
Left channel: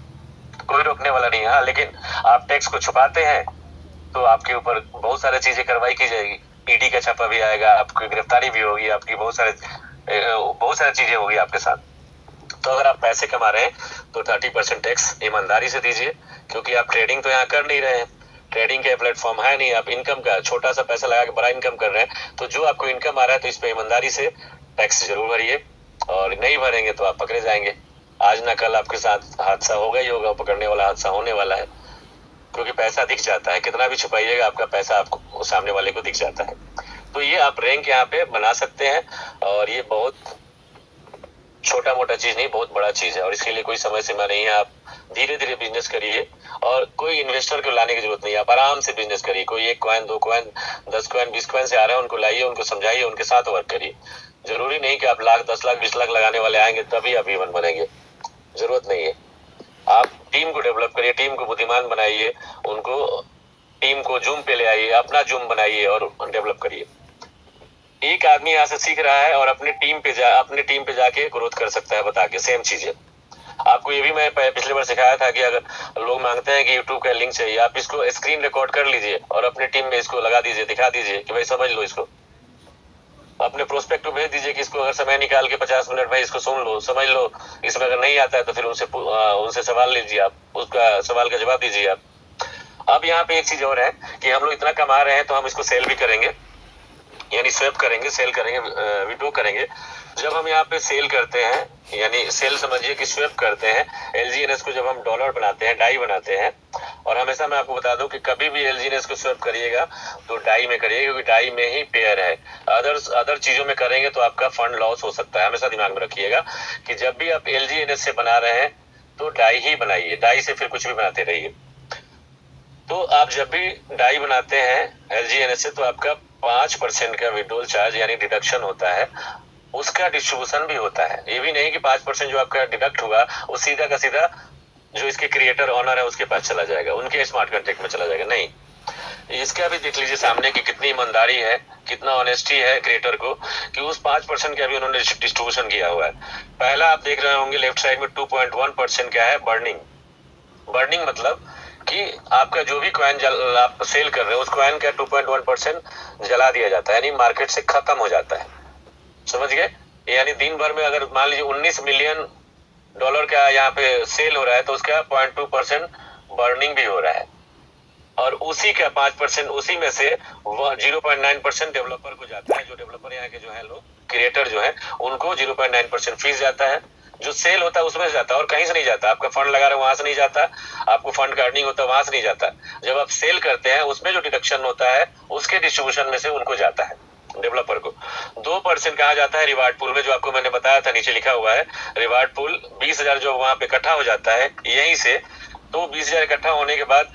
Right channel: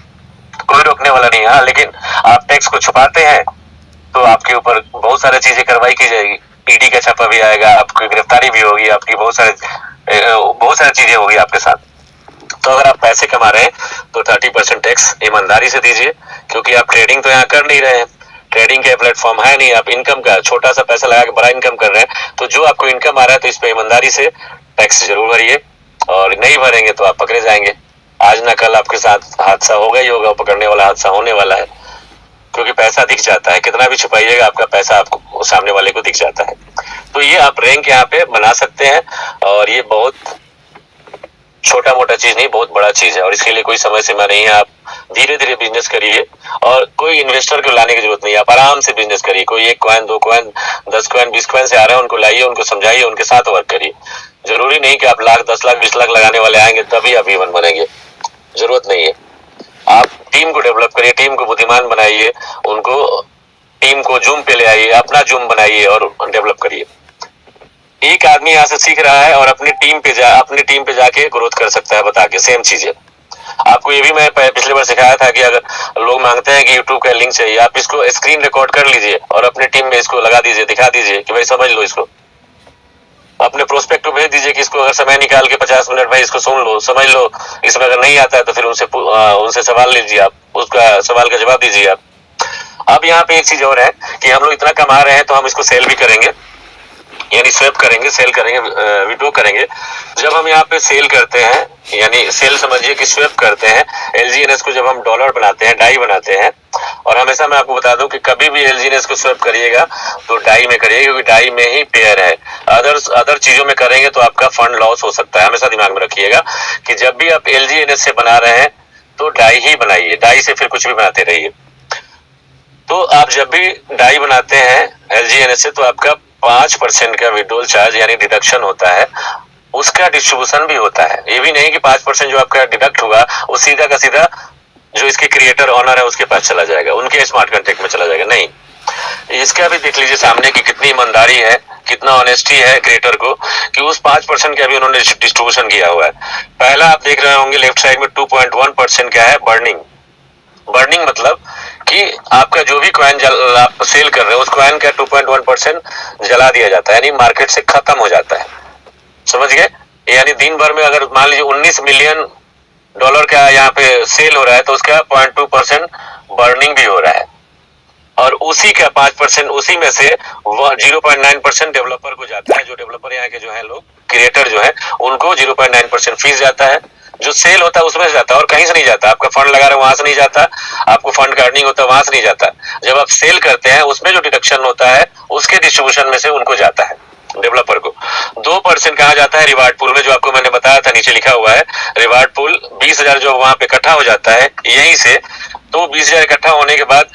कोई रोकने वाला नहीं है। हाँ, लेकिन आप टैक्स को छुपाते हैं तो आपके ऊपर बहुत सारी चीजें कार्रवाई की जाएगी। ED का छापा भी आएगा, आपकी गिरफ्तारी भी होगी, आपकी बहुत सारी चीजें होगी आपके साथ। तो अगर आप पैसे कमा रहे हैं तो 30% टैक्स ईमानदारी से दीजिए, क्योंकि आप ट्रेडिंग तो यहाँ कर नहीं रहे हैं, ट्रेडिंग का प्लेटफॉर्म है नहीं। आप इनकम का छोटा सा पैसा लगा के बड़ा इनकम कर रहे हैं, तो जो आपको इनकम आ रहा है तो इस पे ईमानदारी से टैक्स जरूर भरिए, और नहीं भरेंगे तो आप पकड़े जाएंगे। आज ना कल आपके साथ हादसा होगा ही होगा, पकड़ने वाला हादसा होने वाला है। क्योंकि पैसा दिख जाता है, कितना भी छुपाइएगा आपका पैसा आपको सामने वाले को दिख जाता है। तो ये आप रैंक यहाँ पे बना सकते हैं और ये बहुत छोटा मोटा चीज नहीं, बहुत बड़ा चीज है और इसके लिए कोई समय सीमा नहीं है। आप धीरे धीरे बिजनेस करिए और कोई इन्वेस्टर को लाने की जरूरत नहीं है, आप आराम से बिजनेस करिए। कोई 1 कॉइन 2 कॉइन 10 कॉइन 20 कॉइन से आ रहे हैं, उनको लाइए, उनको समझाइए, उनके साथ वर्क करिए। जरूरी नहीं कि आप लाख 10 लाख 20 लाख लगाने वाले आएंगे तभी आप इवन बनेंगे, जरूरत नहीं है। आप टीम को डेवलप करिए, टीम को बुद्धिमान बनाइए, उनको टीम को जूम पे ले आइए, अपना जूम बनाइए और डेवलप करिए। एक आदमी यहाँ से सीख रहा है और अपनी टीम पे जाके ग्रोथ कर सकता है बता के, सेम चीज है। आपको ये भी मैं पिछले बार सिखाया था कि अगर लोग मांगते हैं कि YouTube का लिंक चाहिए, आप इसको स्क्रीन रिकॉर्ड कर लीजिए और अपने टीम में इसको लगा दीजिए, दिखा दीजिए कि भाई समझ लो इसको। अपने प्रोस्पेक्ट को भेज दीजिए कि इसको अगर समय निकाल के 50 मिनट भाई इसको सुन लो, समझ लो। इसमें अगर नहीं आता है तो फिर उनसे सवाल लीजिए, आप उसका सवाल का जवाब दीजिए आप। अब यहाँ पे एक चीज और है कि हम लोग इतना कमा रहे हैं तो हम इसको सेल भी करेंगे, यानी स्वैप करेंगे, सेल करेंगे, विड्रॉ करेंगे। जब हम यहाँ पे सेल करते हैं, यानी सेल समझिए कि स्वैप करते हैं, LGNS को जब हम डॉलर बनाते हैं, डाई बनाते हैं, और हमेशा मैं आपको बता दूं कि कभी भी LGNS को स्वैप करिएगा तो डाई में करिएगा, क्योंकि डाई में ही पेयर है। अदर चीजों में करेंगे तो आपका फंड लॉस हो सकता है। हमेशा दिमाग में रखिएगा कि जब भी आप LGNS से बना रहे हैं तो डाई ही बनाइए, डाई से फिर कुछ भी बनाते रहिए। तो आप जब भी डाई बनाते हैं LGNS से तो आपका 5% का विड्रॉल चार्ज यानी डिडक्शन होता है, उसका डिस्ट्रीब्यूशन भी होता है। ये भी नहीं कि 5% जो आपका डिडक्ट होगा वो सीधा का सीधा जो इसके क्रिएटर ऑनर है उसके पास चला जाएगा, उनके स्मार्ट कॉन्ट्रैक्ट में चला जाएगा, नहीं। इसका भी देख लीजिए सामने की कितनी ईमानदारी है, कितना ऑनेस्टी है क्रिएटर को कि उस 5% का भी उन्होंने डिस्ट्रीब्यूशन किया हुआ है। पहला आप देख रहे होंगे लेफ्ट साइड में 2.1% क्या है, बर्निंग। बर्निंग मतलब कि आपका जो भी कॉइन आप सेल कर रहे हो उस कॉइन का 2.1% जला दिया जाता है, यानी मार्केट से खत्म हो जाता है। समझ गए? यानी दिन भर में अगर मान लीजिए 19 मिलियन डॉलर का यहाँ पे सेल हो रहा है तो उसका 0.2% बर्निंग भी हो रहा है, और उसी का 5% उसी में से 0.9% डेवलपर को जाता है। जो डेवलपर यहाँ के जो है लोग क्रिएटर जो है उनको 0.9% फीस जाता है। जो सेल होता है उसमें से जाता है और कहीं से नहीं जाता। आपका फंड लगा रहे वहां से नहीं जाता, आपको फंड का अर्निंग होता है वहां से नहीं जाता। जब आप सेल करते हैं उसमें जो डिडक्शन होता है उसके डिस्ट्रीब्यूशन में से उनको जाता है डेवलपर को। 2% कहा जाता है रिवार्ड पूल में, जो आपको मैंने बताया था, नीचे लिखा हुआ है रिवार्ड पूल। 20,000 जो वहां पे इकट्ठा हो जाता है यहीं से, तो 20,000 इकट्ठा होने के बाद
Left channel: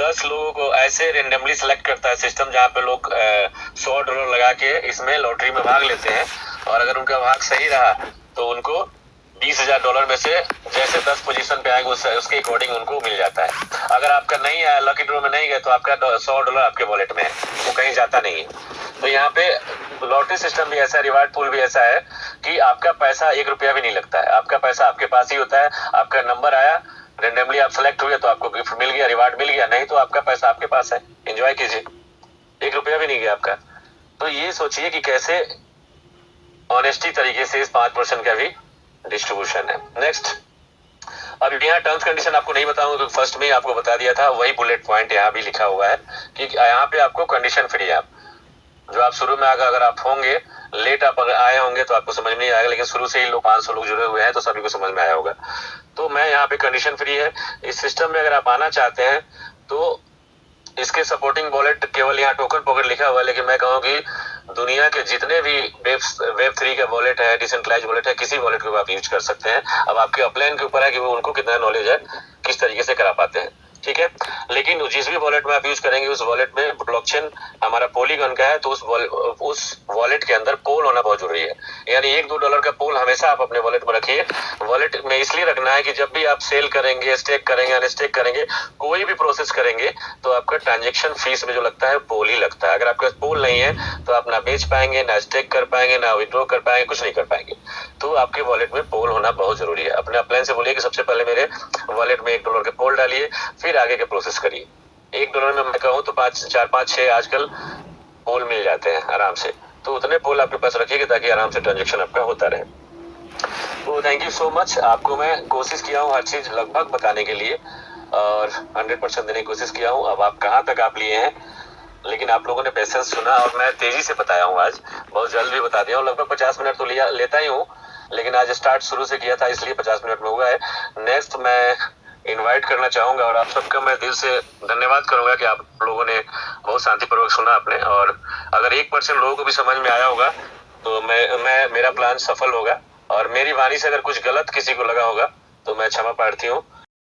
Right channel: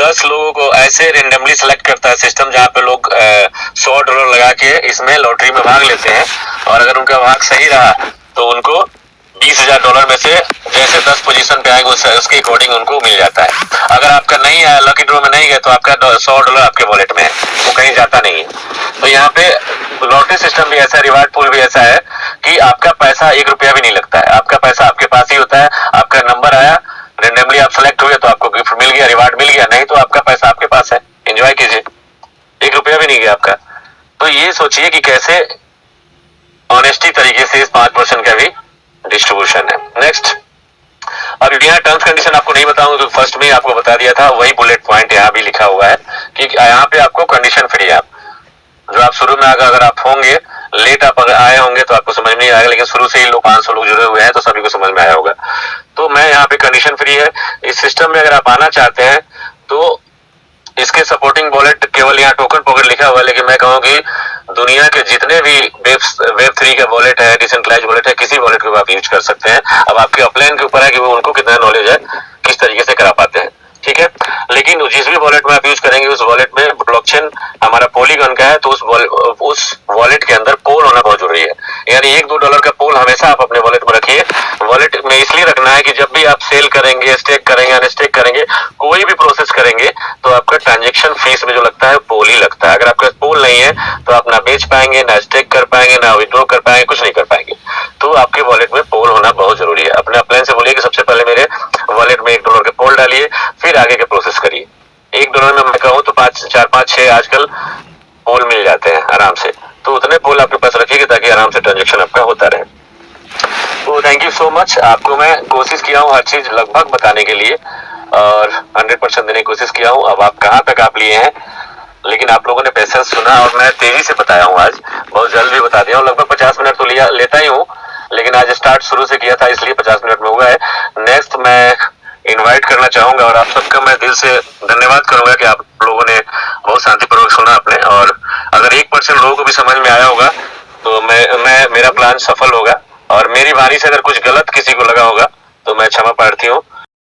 10 लोगों को ऐसे रेंडमली सेलेक्ट करता है सिस्टम, जहाँ पे लोग $100 लगा के इसमें लॉटरी में भाग लेते हैं, और अगर उनका भाग सही रहा तो उनको $20,000 में से जैसे 10 पोजीशन पे आएंगे उसके अकॉर्डिंग उनको मिल जाता है। अगर आपका नहीं आया, लकी ड्रॉ में नहीं गया, तो आपका $100 आपके वॉलेट में है, वो कहीं जाता नहीं है। तो यहाँ पे लॉटरी सिस्टम भी ऐसा है, रिवार्ड पूल भी ऐसा है कि आपका पैसा 1 रुपया भी नहीं लगता है। आपका पैसा आपके पास ही होता है। आपका नंबर आया, रेंडमली आप सेलेक्ट हुए तो आपको गिफ्ट मिल गया, रिवार्ड मिल गया, नहीं तो आपका पैसा आपके पास है, एंजॉय कीजिए, 1 रुपया भी नहीं गया आपका। तो ये सोचिए कि कैसे ऑनेस्टी तरीके से इस 5% का भी डिस्ट्रीब्यूशन है। नेक्स्ट, अब यहाँ टर्म्स कंडीशन आपको नहीं बताऊंगा क्योंकि फर्स्ट में ही आपको बता दिया था, वही बुलेट पॉइंट यहाँ भी लिखा हुआ है कि यहाँ पे आपको कंडीशन फ्री है। जो आप शुरू में अगर आप होंगे लेट आप अगर आए होंगे तो आपको समझ नहीं आएगा, लेकिन शुरू से ही लोग 500 लोग जुड़े हुए हैं तो सभी को समझ में आया होगा। तो मैं यहाँ पे कंडीशन फ्री है। इस सिस्टम में अगर आप आना चाहते हैं तो इसके सपोर्टिंग वॉलेट केवल यहाँ टोकन पॉकेट लिखा हुआ है, लेकिन मैं कहूँ कि दुनिया के जितने भी वेब 3 का वॉलेट है, डिसेंट्रलाइज्ड वॉलेट है, किसी वॉलेट को आप यूज कर सकते हैं। अब आपके अपलाइन के ऊपर है कि वो उनको कितना नॉलेज है, किस तरीके से करा पाते हैं, ठीक है। लेकिन जिस भी वॉलेट में आप यूज करेंगे उस वॉलेट में ब्लॉकचेन हमारा पॉलीगॉन का है, तो उस वॉलेट के अंदर पोल होना बहुत जरूरी है। यानी $1-2 का पोल हमेशा आप अपने वॉलेट में रखिए। वॉलेट में इसलिए रखना है कि जब भी आप सेल करेंगे, स्टेक करेंगे, अनस्टेक करेंगे, कोई भी प्रोसेस करेंगे तो आपका ट्रांजेक्शन फीस में जो लगता है पोल ही लगता है। अगर आपके पास पोल नहीं है तो आप ना बेच पाएंगे, ना स्टेक कर पाएंगे, ना विड्रॉ कर पाएंगे, कुछ नहीं कर पाएंगे। तो आपके वॉलेट में पोल होना बहुत जरूरी है। अपने अपलाइन से बोलिए कि सबसे पहले मेरे वॉलेट में $1 के पोल डालिए, फिर आगे के प्रोसेस करिए। $1 में मैं कहूँ तो 4, 5, 6 आजकल पोल मिल जाते हैं आराम से। तो उतने पोल आपके पास रखिएगा ताकि आराम से ट्रांजेक्शन आपका होता रहे। तो थैंक यू सो मच। आपको मैं कोशिश किया हूँ हर चीज लगभग बताने के लिए और 100% देने की कोशिश किया हूँ। अब आप कहाँ तक आप लिए हैं, लेकिन आप लोगों ने पेशेंस सुना और मैं तेजी से बताया हूँ, आज बहुत जल्द भी बता दिया हूँ। लगभग 50 मिनट तो लेता ही हूँ, लेकिन आज स्टार्ट शुरू से किया था इसलिए 50 मिनट में हुआ है। नेक्स्ट मैं इनवाइट करना चाहूंगा और आप सबका मैं दिल से धन्यवाद धन्यवाद करूंगा कि आप लोगों ने बहुत शांतिपूर्वक सुना आपने, और अगर 1% लोगों को भी समझ में आया होगा तो मेरा प्लान सफल होगा, और मेरी वाणी से अगर कुछ गलत किसी को लगा होगा तो मैं क्षमा प्रार्थी हूँ।